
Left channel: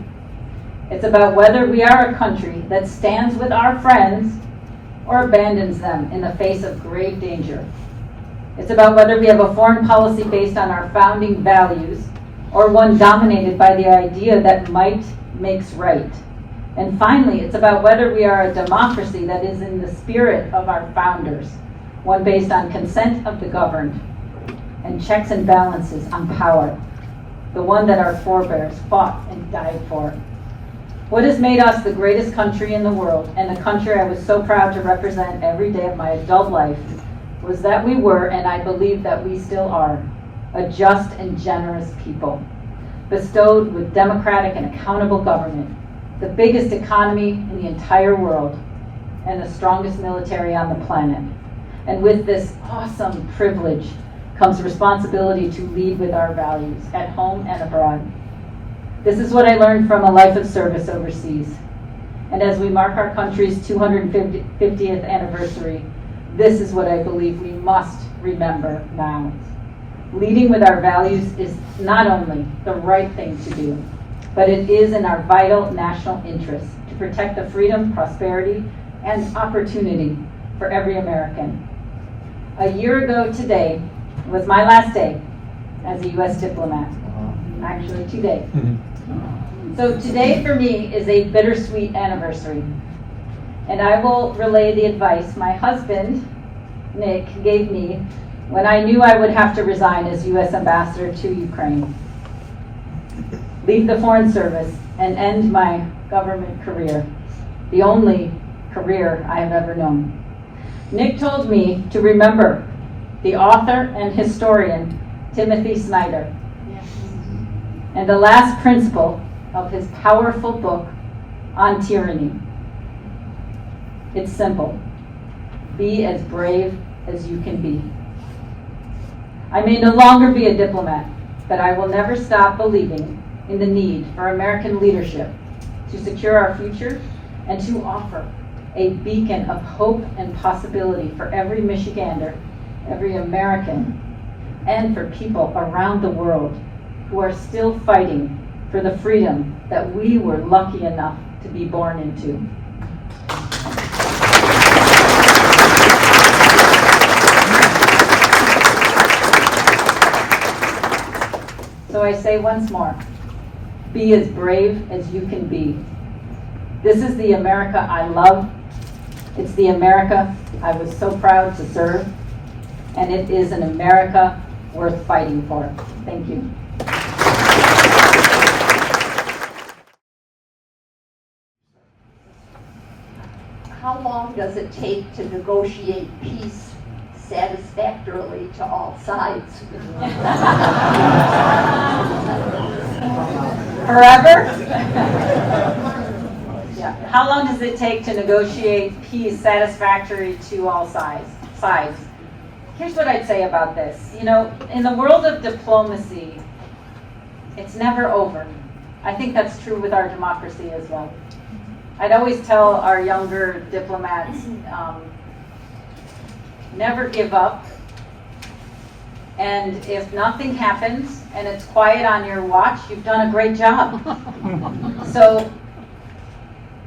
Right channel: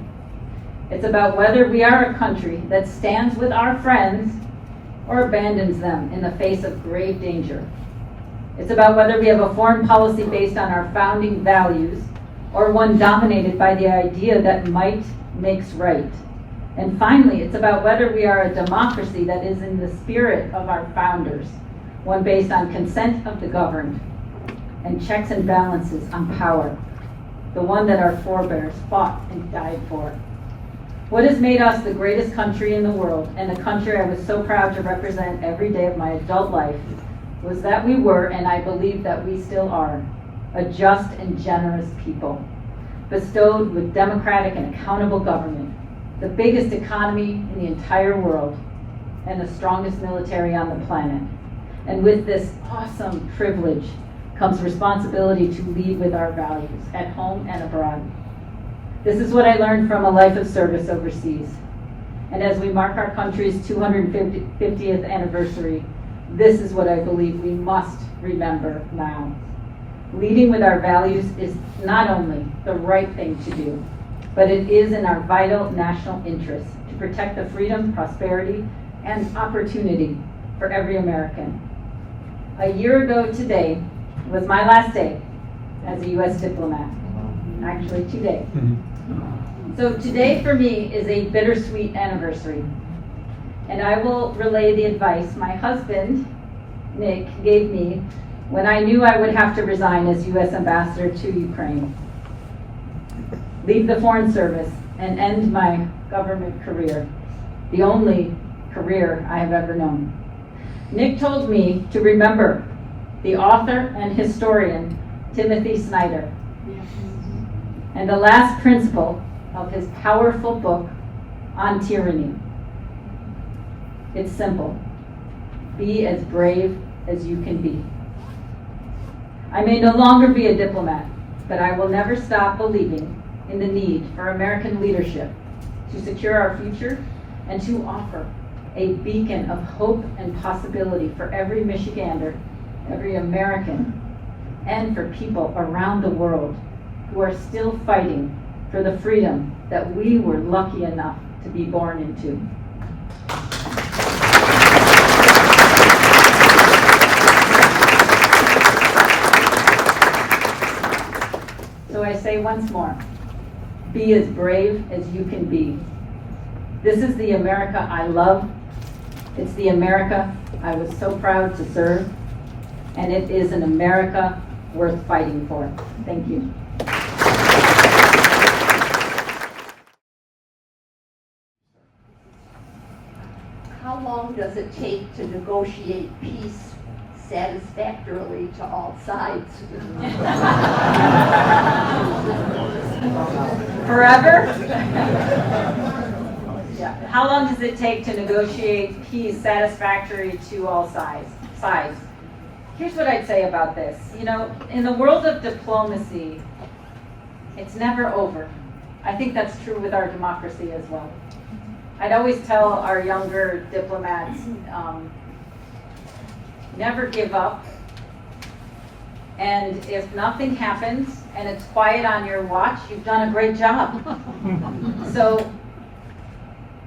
It's about whether we are a country that stands with our friends or abandons them in the face of grave danger. It's about whether we have a foreign policy based on our founding values or one dominated by the idea that might makes right. And finally, it's about whether we are a democracy that is in the spirit of our founders, one based on consent of the governed and checks and balances on power, the one that our forebears fought and died for. What has made us the greatest country in the world, and the country I was so proud to represent every day of my adult life, was that we were, and I believe that we still are, a just and generous people, bestowed with democratic and accountable government, the biggest economy in the entire world, and the strongest military on the planet. And with this awesome privilege comes responsibility to lead with our values at home and abroad. This is what I learned from a life of service overseas. And as we mark our country's 250th anniversary, this is what I believe we must remember now. Leading with our values is not only the right thing to do, but it is in our vital national interest to protect the freedom, prosperity, and opportunity for every American. A year ago today was my last day as a U.S. diplomat. Actually, today. So today for me is a bittersweet anniversary. And I will relay the advice my husband, Nick, gave me when I knew I would have to resign as U.S. ambassador to Ukraine, leave the Foreign Service, and end my government career, the only career I have ever known. Nick told me to remember the author and historian Timothy Snyder, and the last principle of his powerful book on tyranny. It's simple. Be as brave as you can be. I may no longer be a diplomat, but I will never stop believing in the need for American leadership to secure our future and to offer a beacon of hope and possibility for every Michigander, every American, and for people around the world who are still fighting for the freedom that we were lucky enough to be born into. So I say once more, be as brave as you can be. This is the America I love. It's the America I was so proud to serve. And it is an America worth fighting for. Thank you. How long does it take to negotiate peace satisfactorily to all sides? Forever? Yeah. How long does it take to negotiate peace satisfactory to all sides? Here's what I'd say about this. You know, in the world of diplomacy, it's never over. I think that's true with our democracy as well. I'd always tell our younger diplomats, never give up. And if nothing happens and it's quiet on your watch, you've done a great job. So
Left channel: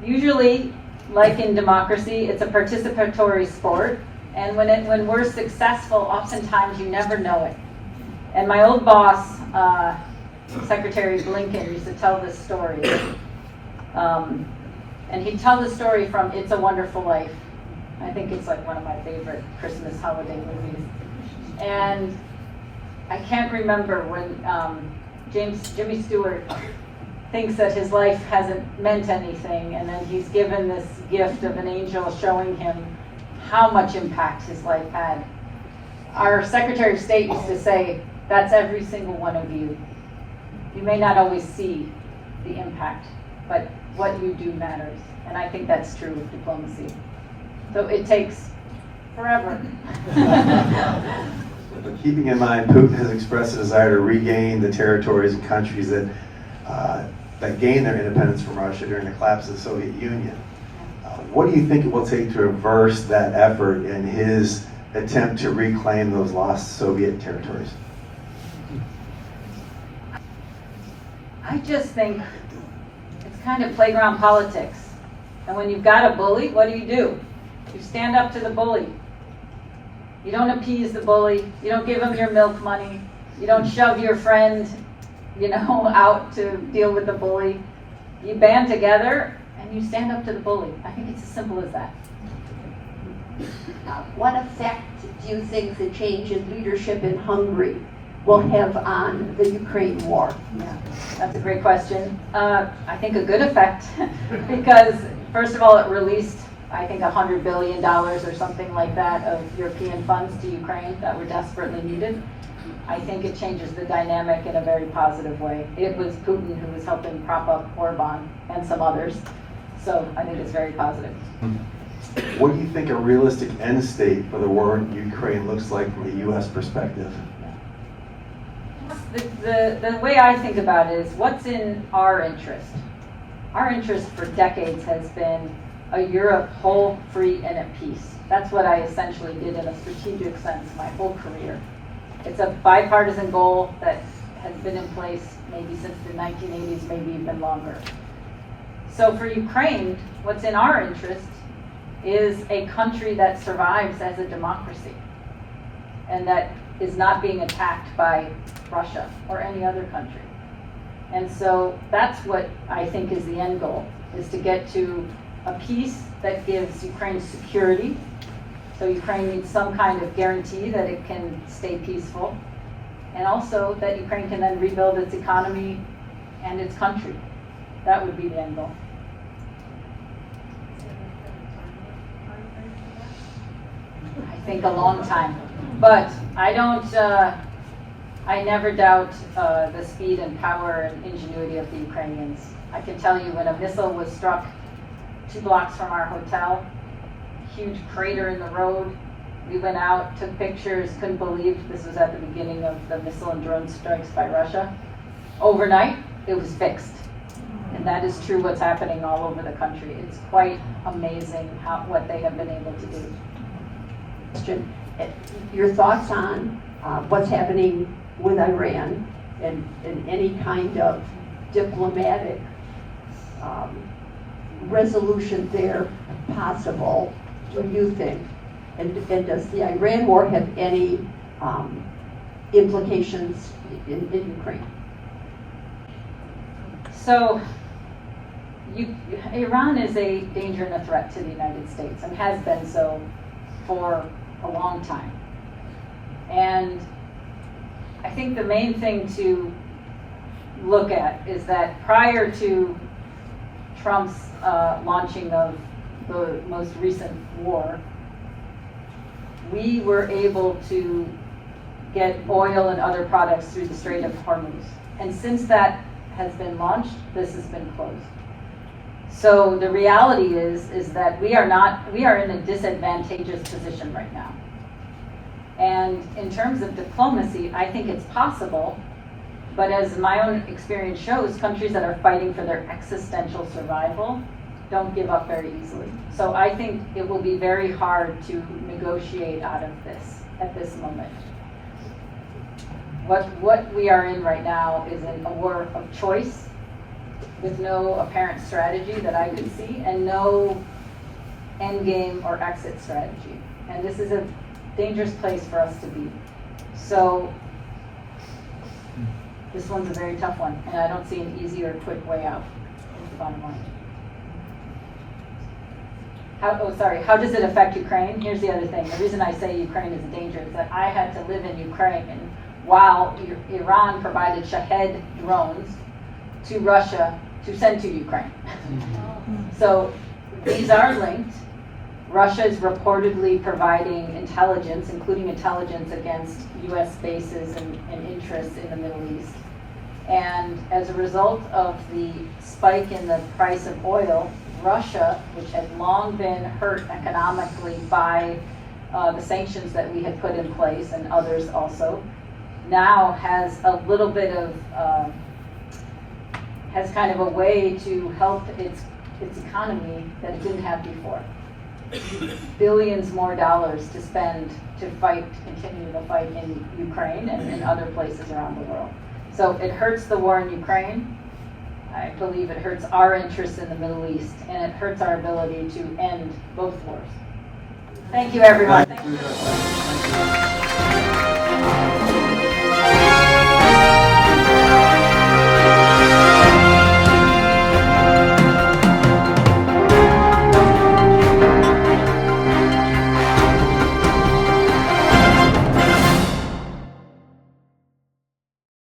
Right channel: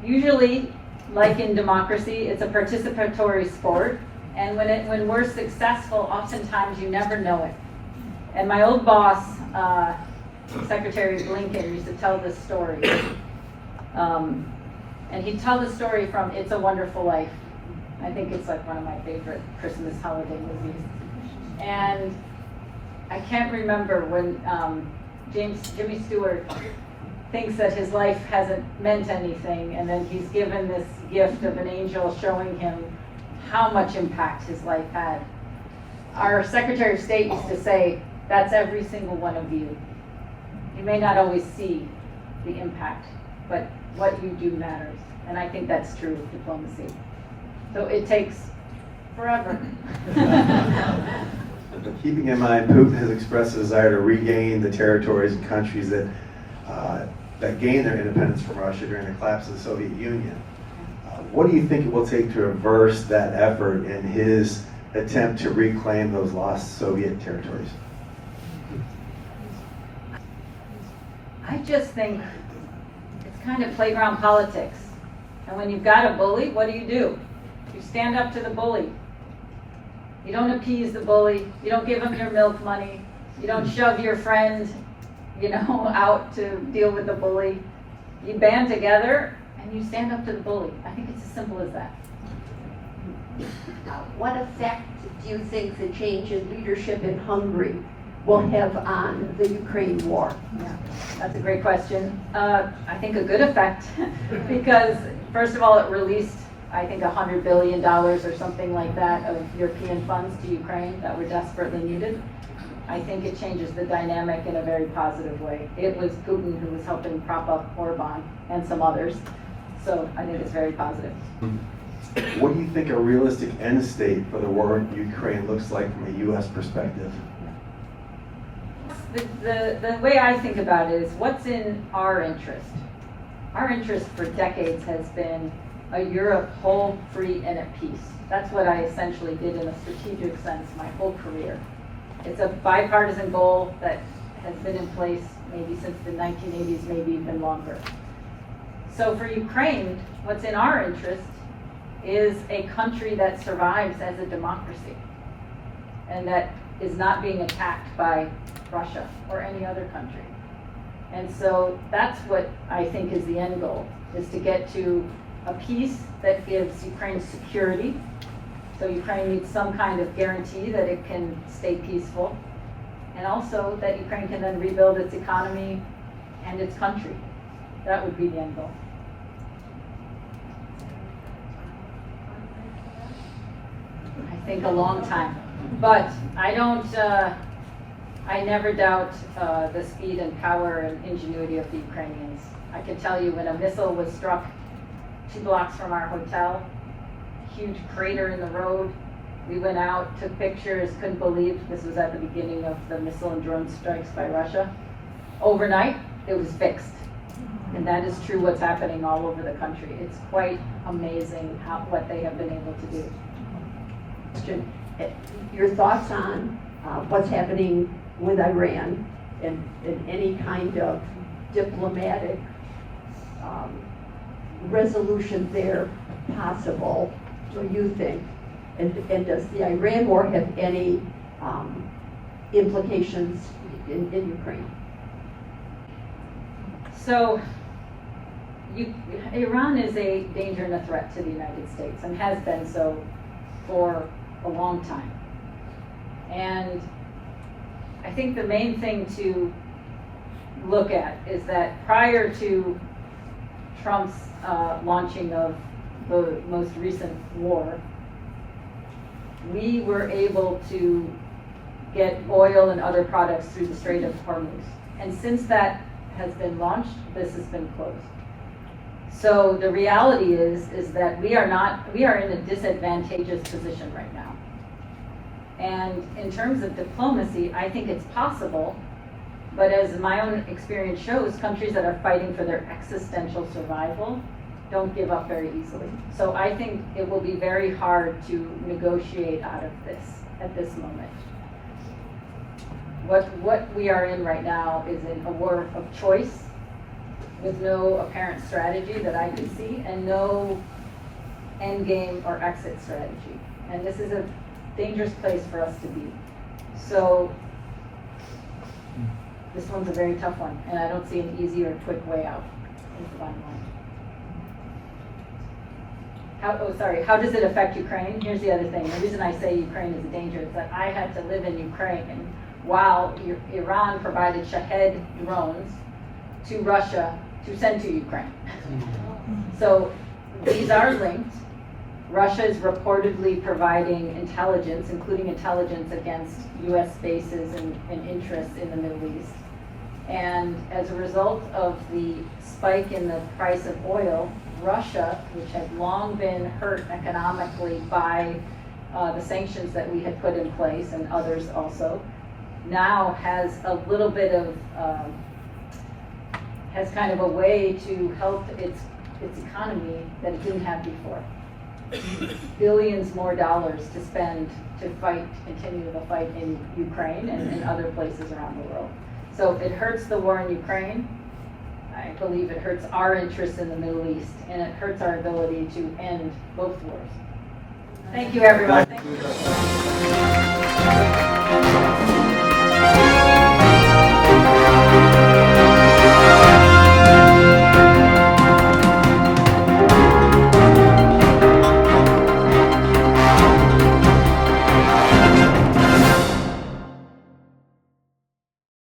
usually, like in democracy, it's a participatory sport. And when we're successful, oftentimes you never know it. And my old boss, Secretary Blinken, used to tell this story. And he'd tell the story from It's a Wonderful Life. I think it's like one of my favorite Christmas holiday movies. And I can't remember when Jimmy Stewart thinks that his life hasn't meant anything, and then he's given this gift of an angel showing him how much impact his life had. Our Secretary of State used to say, that's every single one of you. You may not always see the impact, but what you do matters. And I think that's true with diplomacy. So it takes forever. Keeping in mind, Putin has expressed a desire to regain the territories and countries that gained their independence from Russia during the collapse of the Soviet Union. What do you think it will take to reverse that effort in his attempt to reclaim those lost Soviet territories? I just think it's kind of playground politics. And when you've got a bully, what do? You stand up to the bully. You don't appease the bully. You don't give him your milk money. You don't shove your friend, out to deal with the bully. You band together and you stand up to the bully. I think it's as simple as that. What effect do you think the change in leadership in Hungary will have on the Ukraine war? Yeah, that's a great question. I think a good effect because, first of all, it released, I think, $100 billion or something like that of European funds to Ukraine that were desperately needed. I think it changes the dynamic in a very positive way. It was Putin who was helping prop up Orban and some others. So I think it's very positive. What do you think a realistic end state for the war in Ukraine looks like from a U.S. perspective? The way I think about it is what's in our interest. Our interest for decades has been a Europe whole, free, and at peace. That's what I essentially did in a strategic sense my whole career. It's a bipartisan goal that has been in place maybe since the 1980s, maybe even longer. So for Ukraine, what's in our interest is a country that survives as a democracy and that is not being attacked by Russia or any other country. And so that's what I think is the end goal, is to get to a peace that gives Ukraine security. So Ukraine needs some kind of guarantee that it can stay peaceful, and also that Ukraine can then rebuild its economy and its country. That would be the end goal. I think a long time, but I never doubt the speed and power and ingenuity of the Ukrainians. I can tell you when a missile was struck 2 blocks from our hotel, huge crater in the road, we went out, took pictures, couldn't believe this was at the beginning of the missile and drone strikes by Russia. Overnight, it was fixed. And that is true what's happening all over the country. It's quite amazing what they have been able to do. Question. Your thoughts on what's happening with Iran and any kind of diplomatic resolution there possible, do you think? And does the Iran war have any implications in Ukraine? So, Iran is a danger and a threat to the United States and has been so for a long time. And I think the main thing to look at is that prior to Trump's launching of the most recent war, we were able to get oil and other products through the Strait of Hormuz. And since that has been launched, this has been closed. So the reality is that we are in a disadvantageous position right now. And in terms of diplomacy, I think it's possible, but as my own experience shows, countries that are fighting for their existential survival don't give up very easily. So I think it will be very hard to negotiate out of this at this moment. What we are in right now is in a war of choice with no apparent strategy that I can see and no end game or exit strategy. And this is a dangerous place for us to be. So this one's a very tough one, and I don't see an easy or quick way out, is the bottom line. How does it affect Ukraine? Here's the other thing. The reason I say Ukraine is a danger is that I had to live in Ukraine, and while Iran provided Shahed drones to Russia to send to Ukraine. So these are linked. Russia is reportedly providing intelligence, including intelligence against U.S. bases and interests in the Middle East. And as a result of the spike in the price of oil, Russia, which had long been hurt economically by the sanctions that we had put in place, and others also, now has a little bit of, has kind of a way to help its economy that it didn't have before. Billions more dollars to spend to continue the fight in Ukraine and in other places around the world. So it hurts the war in Ukraine. I believe it hurts our interests in the Middle East, and it hurts our ability to end both wars. Thank you, everyone. Thank you.